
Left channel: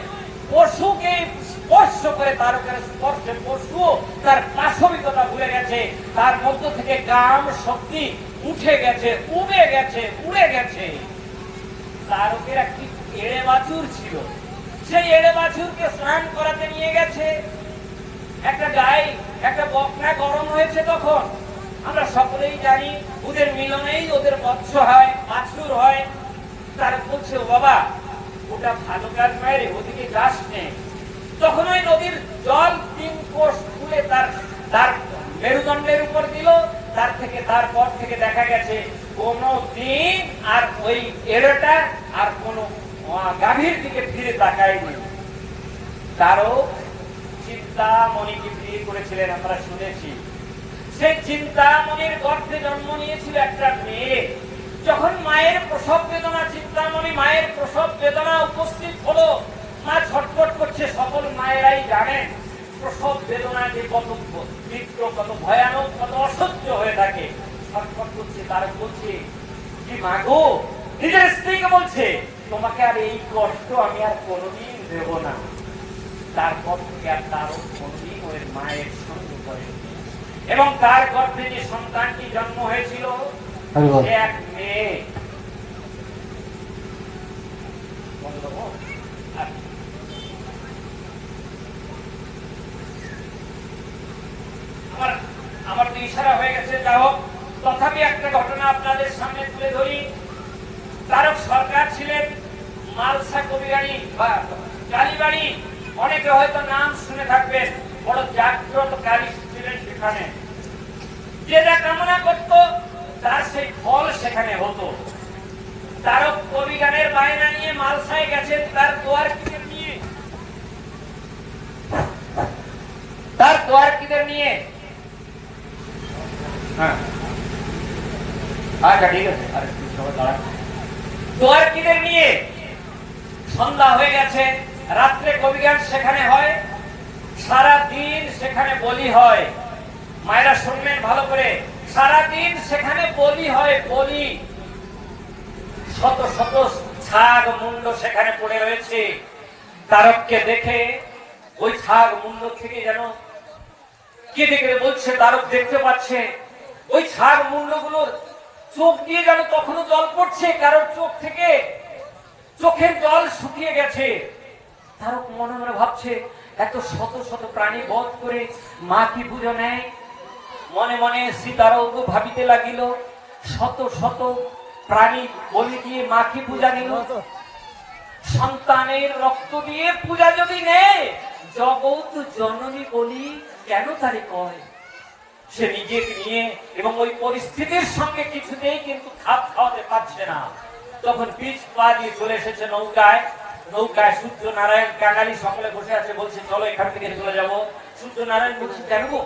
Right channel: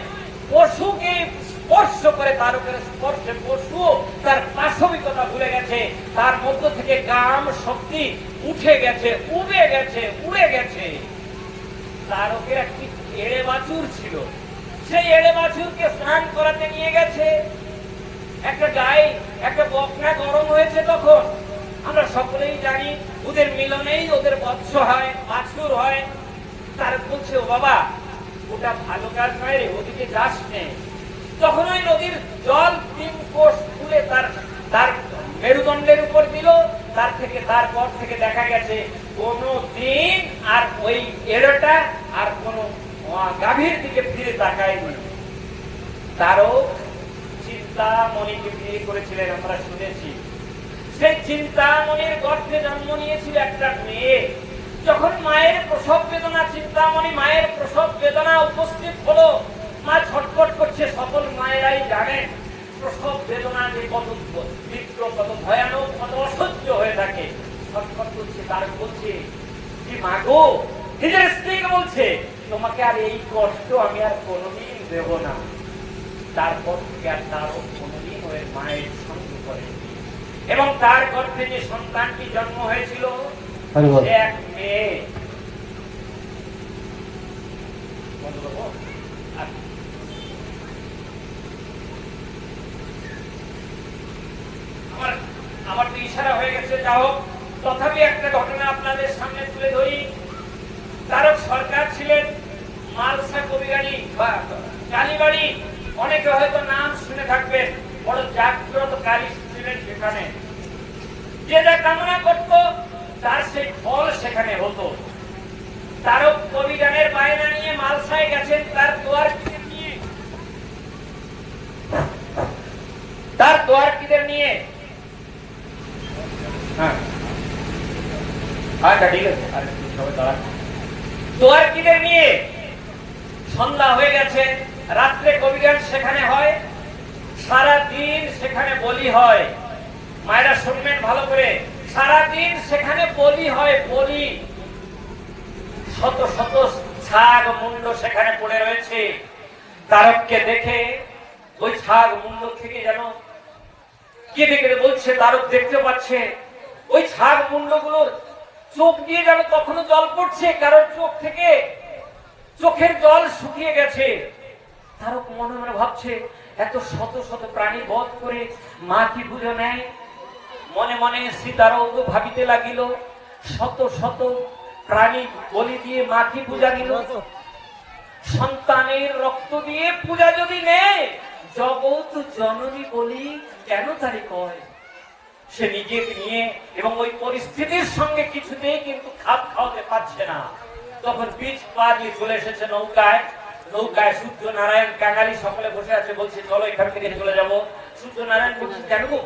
পশুকে স্পর্শ করে তারকের স্পর্শে পশু তার পাশবিকতা ভুলে গেছে, তার মধ্য থেকে কাম শক্তি উঠে গেছে, উড়ে গেছে। তারকের একটি এড়ে বাছুর ছিল, সেই এড়ে বাছুরকে স্নান করাতে নিয়ে গেছে। একটা গাই, একটা বকনা গরম হয়েছে, তখন আমরা সকলেই জানি ওদের মিলনেই ওদের বৎস হয়, বাছুর হয়। তার বলছে, ও বাবা, ওটা ভালো কাজ নয় রে, ওদিকে যাস নে। তখন ওই নদীর জল 3 কোষ খুলে তার মেরুদণ্ডের উপর দিল। তারপর থেকে দেখা গেছে কোন দিন আর ওই এড়োটা আর কোন গাভীর দিকে ফিরে তাকায়নি। তারও চিন্তামণিকে বিয়ে করেছিলেন, আমরা শুনেছি। সেই চিন্তামণির গর্ভে জন্ম নিয়েছিল একটা মেয়ে। যখন মায়ের প্রসব বেদনা, চিন্তামণি মায়ের প্রসব বেদনা উপস্থিত হলো, মা ছটফট করছে। সকল মায়েরাই জানেন প্রসব বেদনা যে কত তীব্র, কত ভয়ানক, কত অসহ্য হয়ে থাকে। ছটফট করছে। তার বলছে, কি মা গো, নিজের স্ত্রীকে বলছে, তোমাকে আর এই কষ্ট আমি আর কোনদিন দেব না। তারপর থেকে আর তার কোনদিন ওই মায়ের সঙ্গে করে, এবং তার গর্ভে যে সন্তানটি জন্ম হয়েছিল এক মেয়ে। আমার তো ইশারা হয়ে গেছে, যা হোক, তথাপি একটা ঘটনা আপনাদের সামনে তুলে ধরি। তারক সরকার ছিলেন মালসা কবিরানী বা কালীবাড়ি, অনেকে হয়তো নাম শুনে থাকবেন। বড় জাগ্রত কালী ছিলেন। সেখানে, যে যা কামনা করত তার সেই ফল সেখানে হতো। তারক কবিগানের বায়না নিয়ে মালসায় গেছেন তার দোয়ারকিদের নিয়ে, তার দোয়ারকিদের নিয়ে। হ্যাঁ আচ্ছা ঠিক আছে, আর সবাই দাঁড়ান। দোয়ারকিদের নিয়ে সন্ধ্যা হয়ে গেছে, রাত্রে কবিগান সেখানে হয়, সারাদিন সেখানে বলি হয়। মায়েরা শুনবেন ভালো করে, সারাদিন সেখানে বলি হয়, বলি। শত শত ছাগ মুন্ড সেখানে পড়ে রয়েছে। তারককে দেখে ওই ছাগ মুন্ড থেকে যেন কেটে কেটে বলছে, তারক দেখতে পাচ্ছে ওই ছাগ মুন্ড গুলোর চোখ দিয়ে যেন তখনও জল পড়ছে, কারোর চোখ থেকে চোখের জল শুকিয়ে গেছে। তারক মনে মনে ভাবছে, এত শত শত প্রাণী বধ করে মা কি পুজো নেয়? মনে মনে সীতারও ভাবিতে লাগিল, শত শত প্রাণী বলি দিয়ে মা কি পূজা নিল, সন্তানের রক্ত দিয়ে পূজা যদি নেয়, জগৎ জননী বলি কেন তারি কয়? সে নিজেকে নিয়ে এবং ওই পরিস্থিতির সঙ্গে কিছুতেই কিন্তু খাপ খাওয়াতে পারছে না। তখন বীজ পা দিয়ে চলে এসেছে নৌকায়। নৌকায় সূর্যনারায়ণ, কাঙালি সকলে বসে আছে, বলছে চলো এখান থেকে চলে যাবো। সূর্যনারায়ণ বলছে, কেন গো?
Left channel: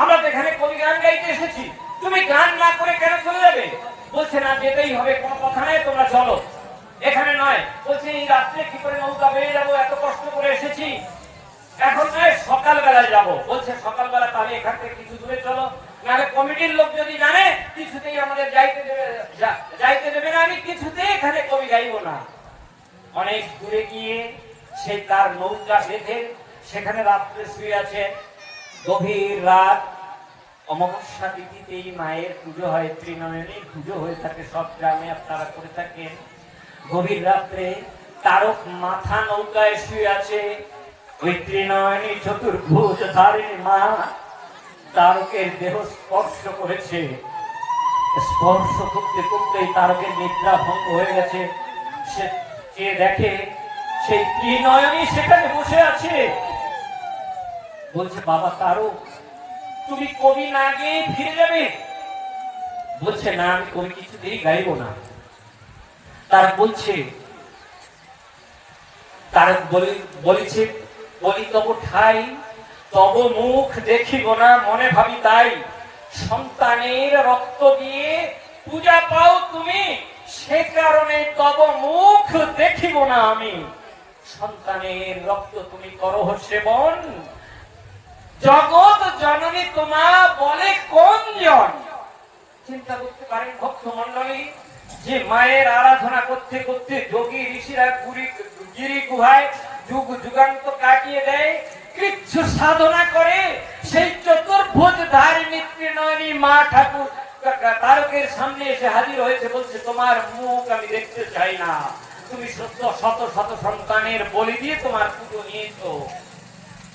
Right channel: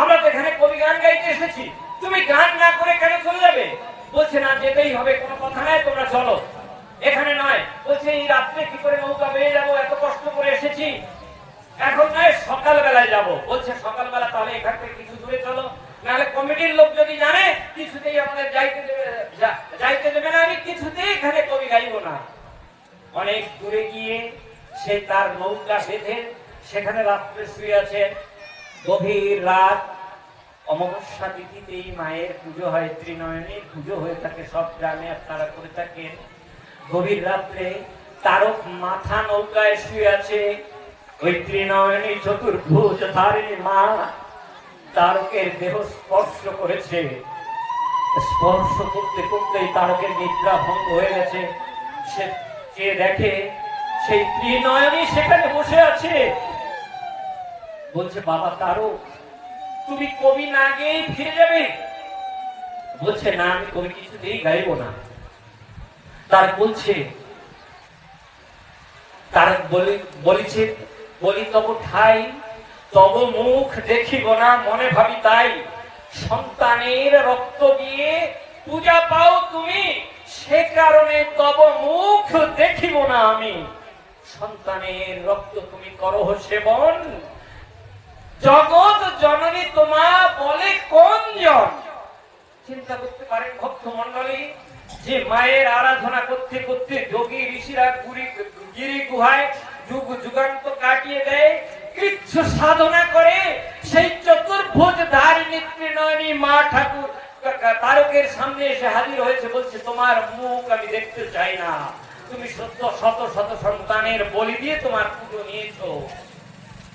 আমরা তো এখানে কবি গান গাইতে এসেছি, তুমি গান না করে কেন চলে যাবে? বলছে না, যেতেই হবে, কোনো কথা নাই, তোমরা চলো, এখানে নয়। বলছে এই রাত্রে কি করে নৌকা বেয়ে যাবো? এত কষ্ট করে এসেছি, এখন নয় সকালবেলায় যাবো। বলছে সকালবেলা তাহলে এখান থেকে কিছু দূরে চলো, নাহলে কমিটির লোক যদি জানে কিছুতেই আমাদের যাইতে দেবে না, আমি কিছুতেই এখানে কবি গাইব না। অনেক দূরে গিয়ে সে তার নৌকা বেঁধে সেখানে রাত্রে শুয়ে আছে। গভীর রাত, অমাবস্যা তিথিতেই মায়ের পুজো হয়, ত্রিনয়নীর পুজো হয়ে থাকে, সব গ্রামে আপনারা করে থাকেন। গভীর রাত্রে তারক মাথা নৌকায় শুয়ে আছে। ওই ত্রিনয়নী চতুর্ভুজ ধারিণী মা তারকের দেহ স্পর্শ করেছে। স্পর্শ করতে করতেই তারকের নিদ্রা ভঙ্গ হয়ে গেছে। সে দেখে সেই ত্রিনয়নী সেখানে বসে আছে। বলছে, বাবা তারক, তুমি কবি না গিয়ে ফিরে যাবে? বলছে না, আমি কবি কিছুতেই গাইব না। তার বলছে, তার বলিছে, বলি তব ঠাই, তব মুখ দেখিব না, মনে ভাবি তাই। সন্তানের রক্ত দিয়ে পূজা পাও তুমি, সে কারণে তব মুখ দেখিব না আমি। সন্তানের রক্ত তুমি করো সেবন, জগৎ জননী তোমা বলে কোন জন? চিন্তা করতে পারেন ভক্ত মন্ডলী, যে মায়ের আরাধনা করতে করতে যোগী ঋষিরা গিরি গুহায় যুগ যুগান্ত কাটিয়ে দেয়, কৃচ্ছ সাধনা করে, সেই চতুর্ভুজ ধারিণী ত্রিনয়নী মা ঠাকুর তারকের সামনে এসে হাজির হয়েছে। বলছে, তোমার মুখ আমি দেখতে চাই না, তুমি সত্য শত শত সন্তানের বলি দিয়ে তোমার পুজো নিয়েছো।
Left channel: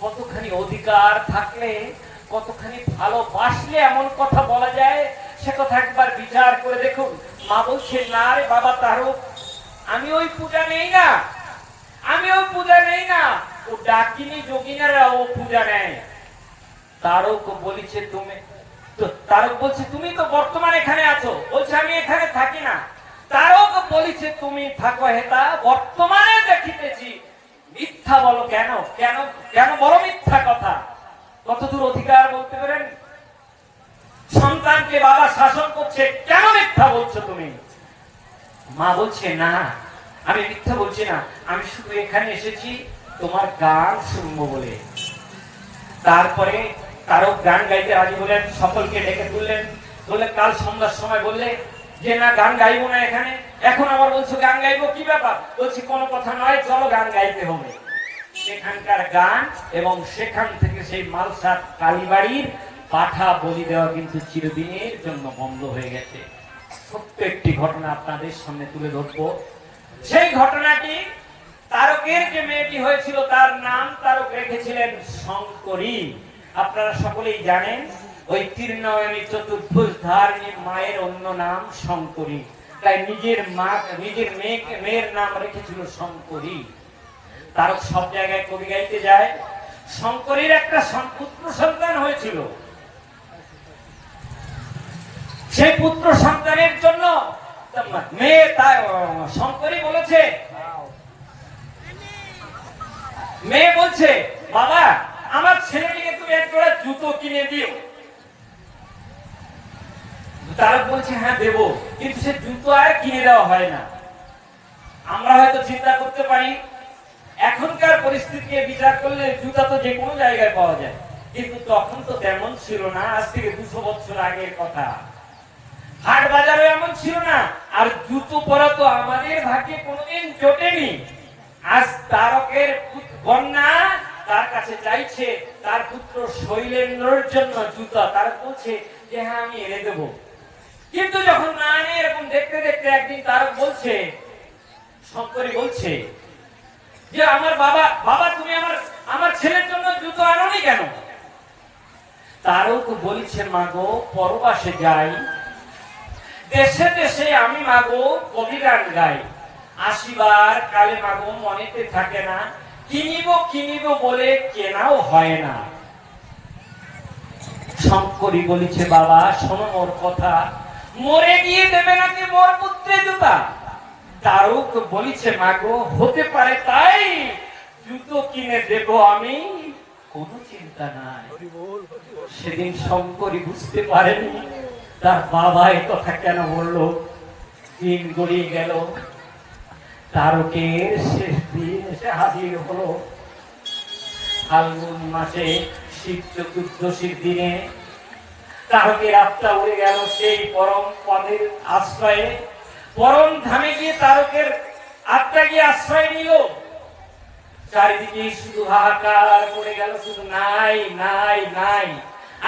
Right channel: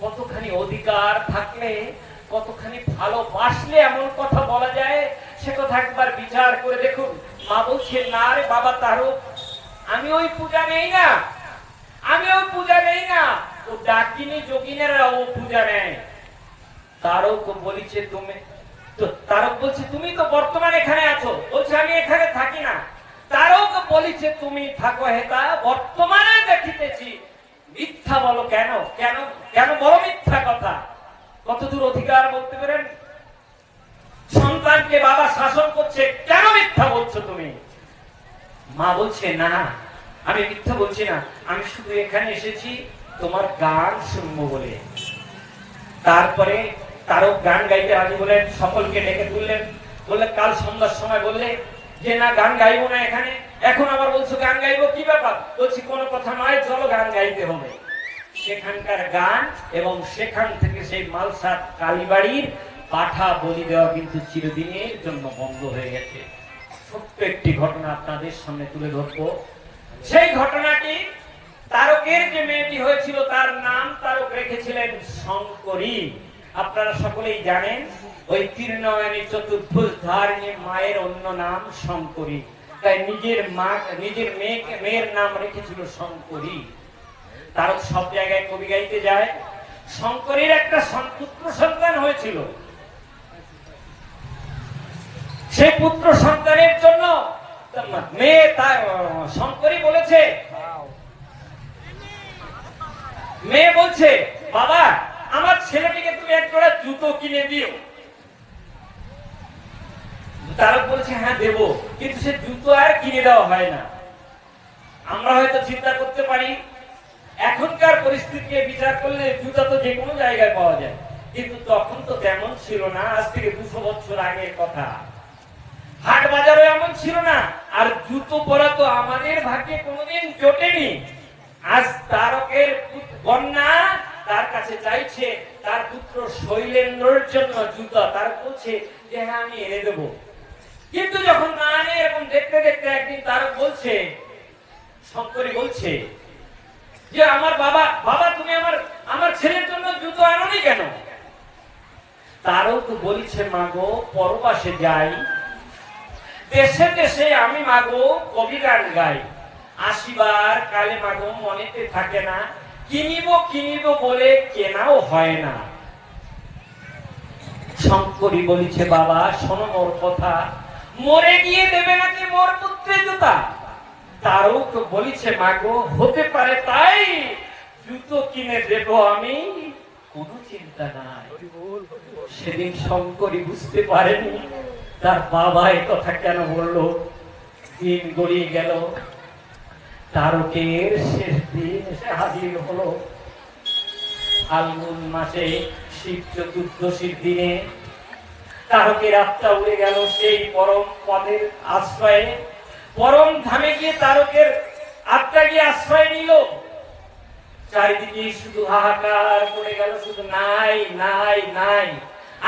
কতখানি অধিকার থাকলে, কতখানি ভালোবাসলে এমন কথা বলা যায়, সে কথা একবার বিচার করে দেখুন। মা বলছে, না রে বাবা তারক, আমি ওই পূজা নেই না, আমি ওই পূজা নেই না, ও ডাকিনী যোগিনীরা ও পূজা নেয়। তারক বলিছে তুমি, তারক বলছে তুমি তো বর্তমান এখানে আছো। বলছে আমি এখানে থাকি না। তারক বলিছে তুমি থাকো হেতা, বর্তমানে দেখিতেছি। মিথ্যা বলো কেন? কেন কেন বলো মিথ্যা কথা? কতদূর অধিকার বলতে পারেন? সন্তানকে বাবা শাসন করছে, কেন মিথ্যা বলছো তুমি? মা বলছে, না আমি মিথ্যা বলছি না, আমি শুধু এখানে এসেছি তোমার গান শুনবো বলে। তারপরে তারক গান গাইতে রাজি হলেন, সকলকে ডেকে তুললেন। বললে, কাল সন্ধ্যার সময় বললে যে না গান গাইবো না এখানে, এখন আবার বলছো গান গাইবো, কি ব্যাপার? বলছি কোনো কথা নয়, চলো গান গাইতে হবে। সেখানকার গান এবং সেখান থেকে সেই মালসার কালীবাড়ির পাঠা বলি দেওয়া কিন্তু চিরদিনের জন্য বন্ধ হয়ে গেছে। ছোট্ট একটি ঘটনা আপনাদের সামনে তুলে ধরবো। সেই ঘটনাটি, তারকের যে মেয়েটি হয়েছিল তার নাম তারক রেখেছিলেন শঙ্করী। আপনারা সকলেই জানেন, ওই ত্রিনয়নী চতুর্ভুজ ধারিণী মায়ের অন্য নাম শঙ্করী। তাই নিজের মেয়ের নাম রেখেছিল শঙ্করী। তারক সব জায়গায় কবি গাইতে যায়। শঙ্করীর একটা পুত্র সন্তান হয়েছিল, সেই পুত্র সন্তানের জন্য মেয়ে তার শঙ্করী বলেছে, মেয়ে বলছে, বাবা আমার ছেলেটিকে তুমি এক জোড়া জুতো কিনে দিও। তারা বলছে হ্যাঁ দেবো, কিন্তু সে জুতো আর কিনে দেওয়া হয় না। আমরা হয়তো চিন্তা করতে পারি এখনকার পরিস্থিতিকে বিচার করলে জুতা তো যে কোনো জায়গায় পাওয়া যায়, কিন্তু তখন তো তেমন ছিল না। আজ থেকে 200 বছর আগের কথা। হাট বাজারও এমন ছিল না, আর জুতো পরা তো আমাদের ভাগ্যে কোনোদিন জোটেনি। আজ তারকের কন্যা তার কাছে চাইছে তার পুত্র শৈলেন্দ্রর জন্য জুতা। তার বলছে যে হ্যাঁ আমি এনে দেবো, কিন্তু যখন না আনে এরকম দেখতে দেখতে একদিন তারক বলছে, শঙ্করী বলছে যে আমার বাবা তুমি আমার ছেলের জন্য জুতো আনোনি কেন? তারক বলছে মাগো পরবাসে যাই, দেশে দেশে আমি মাগো কবি গান গাই, আসিবার কালে মাগো মনেতে থাকে না, কিনিব বলে কেনাও হয় না। শঙ্করী বলিছে বাবা শোনো মোর কথা, মরে গিয়ে দেবে নাকি মোর পুত্রে জুতা? তারক বলিছে মাগো হতে পারে তাই, জুতো কিনে দেব আমি, কোনো চিন্তা নাই। সেদিন শঙ্করী বুঝতে পারেনি তার বাবা এই কথা কেন বললো। দিন গড়িয়ে গেল, তারকের শেষ দিন এসে হাজির হলো। ফাল্গুন মাসে শিব চতুর্দশীর দিনে তারকের আত্মা উড়ে গেল সেই পরম পদের আশ্রয়ে। পরম ধামে গিয়ে তারকের আত্মা গিয়ে আশ্রয় নিল। চারিদিকে শুধু হাহাকার পড়ে গেল, শুধু নাই নাই নাই।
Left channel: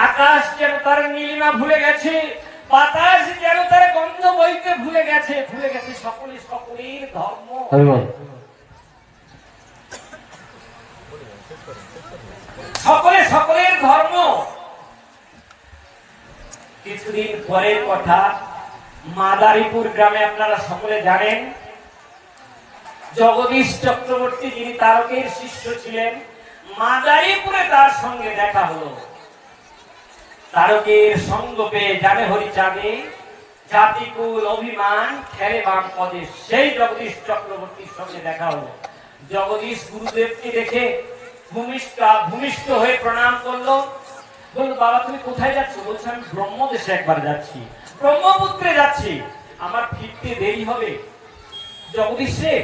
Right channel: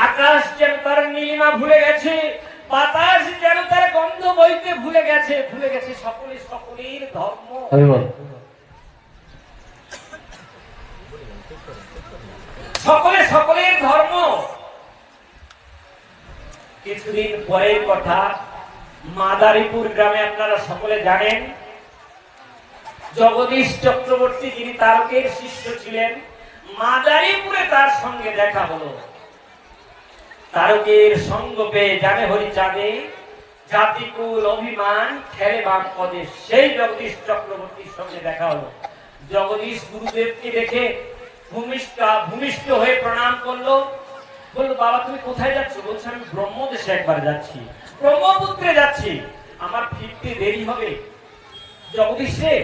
আকাশ যেন তার নীলিমা ভুলে গেছে, বাতাস যেন তার গন্ধ বইতে ভুলে গেছে, ভুলে গেছে সকলের ধর্ম। সকলের ধর্ম। কিছুদিন পরের কথা, মাদারীপুর গ্রামে আপনারা সকলে জানেন জগদীশ চক্রবর্তী যিনি তারকের শিষ্য ছিলেন, মাদারীপুরে তার সঙ্গে দেখা হলো। তারকের সঙ্গ পেয়ে জানে হরিচাঁদে জাতিকুল অভিমান খেলে বাম পদে, সেই জগদীশ চক্রবর্তীর সঙ্গে দেখা হলো। জগদীশ গুরুদেবকে দেখে ভূমিষ্ঠ হয়ে প্রণাম করলো। বললো বাবা তুমি কোথায় যাচ্ছ? বলছে আমি ব্রহ্মদেশে একবার যাচ্ছি, ব্রহ্মপুত্রে যাচ্ছি, আমার ফিরতে দেরি হবে। জগদীশ রে,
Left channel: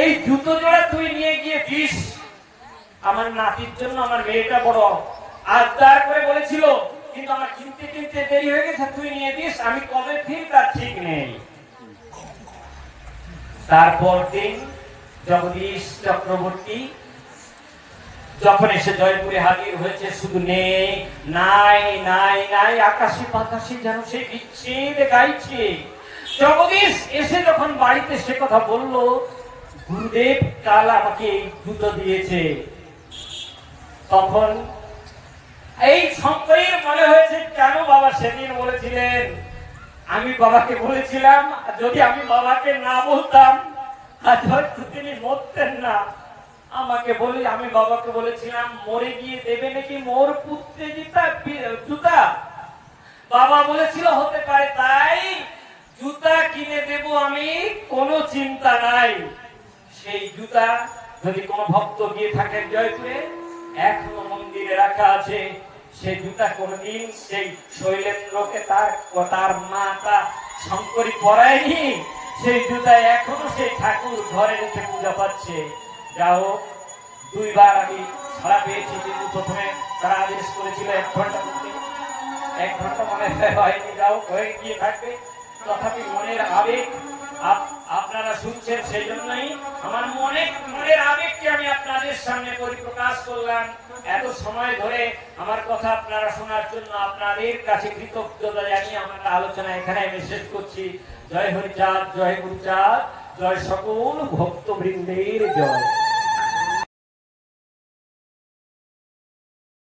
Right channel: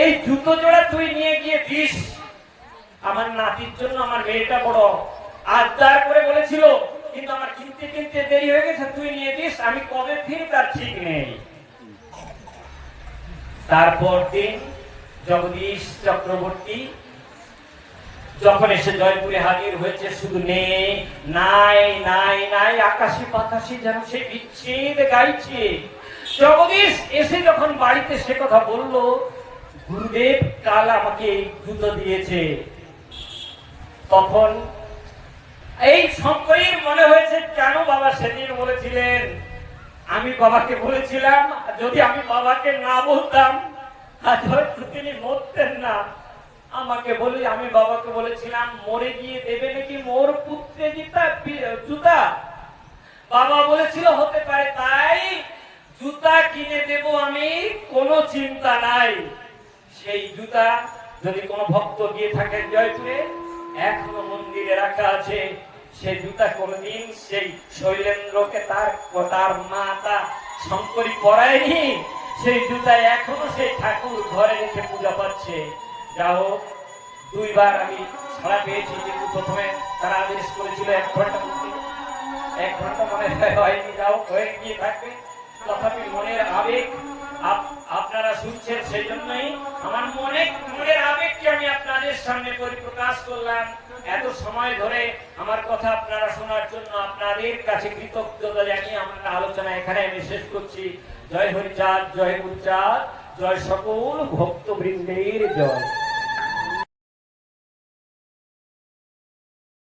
এই জুতো জোড়া তুই নিয়ে গিয়ে দিস আমার নাতির জন্য, আমার মেয়েটা বড় আবদার করে বলেছিল, কিন্তু আমার কিনতে দেরি হয়ে গেছে, তুই নিয়ে দিস, আমি কবে ফিরি তার ঠিক নেই। তারপর দিন জগদীশ চক্রবর্তী যখন এসে জয়পুরে হাজির হয়েছে, শুধু নাই নাই নাই, আকাশে পাতাশে যেন সে বিচ্ছেদ গাইছে। জগদীশ এসে যখন বাড়িতে সে কথা বলল, গুরুদেব কাল আমাকে এই জুতো দিয়েছে, তখন এই শঙ্করীর মনে হয়েছে কেন বাবা সেদিন বলেছিলেন, আমি বাবাকে বলেছিলাম, যদি আমি বাবাকে না বলতাম আজ হয়তো তিনি মরতেন না। আমাকে বলি, আমি বাবাকে বলেছিলাম মরে গিয়ে দেবে নাকি মোর পুত্রে জুতা? বাবা বলেছিল হতে পারে তাই, জুতা কিনে দেব আমি, কোনো চিন্তা নাই। সেই জুতা যদি কোনো ভক্ত গিয়ে থাকেন জয়পুরে, এখনো মন্দিরে রাখা আছে। সেই জুতা কোনদিন সেই শৈলেন্দ্রকে তার মা তা শঙ্করী পরায়নি। সেই জুতা এখনো সেই ঠাকুর ঘরে রেখে পূজা পাচ্ছে। যাও, 2 বার আমি ছাড়া পেয়েছি, কিন্তু প্রথমে তারা আদেশ করেছিল 1 ঘন্টা করতে, 1 ঘন্টা মনে হয়নি, যাও হয়ে গিয়ে থাকবে। তথাপি মনের আবেগ আপনারা শুনছেন, সেই জন্যই আমার মনের আবেগকে আমি আপনাদের সামনে পরিপ্রকাশ করলাম। এত সময় ধরে আমার কথা আপনারা শোনার জন্য আপনাদের কাছে কৃতজ্ঞতা জানিয়ে আমার আলোচনা এখানে আমি শেষ করছি। জয় হরিচাঁদ, জয় গুরুচাঁদ, জয় সকল ভক্তবৃন্দের জয়।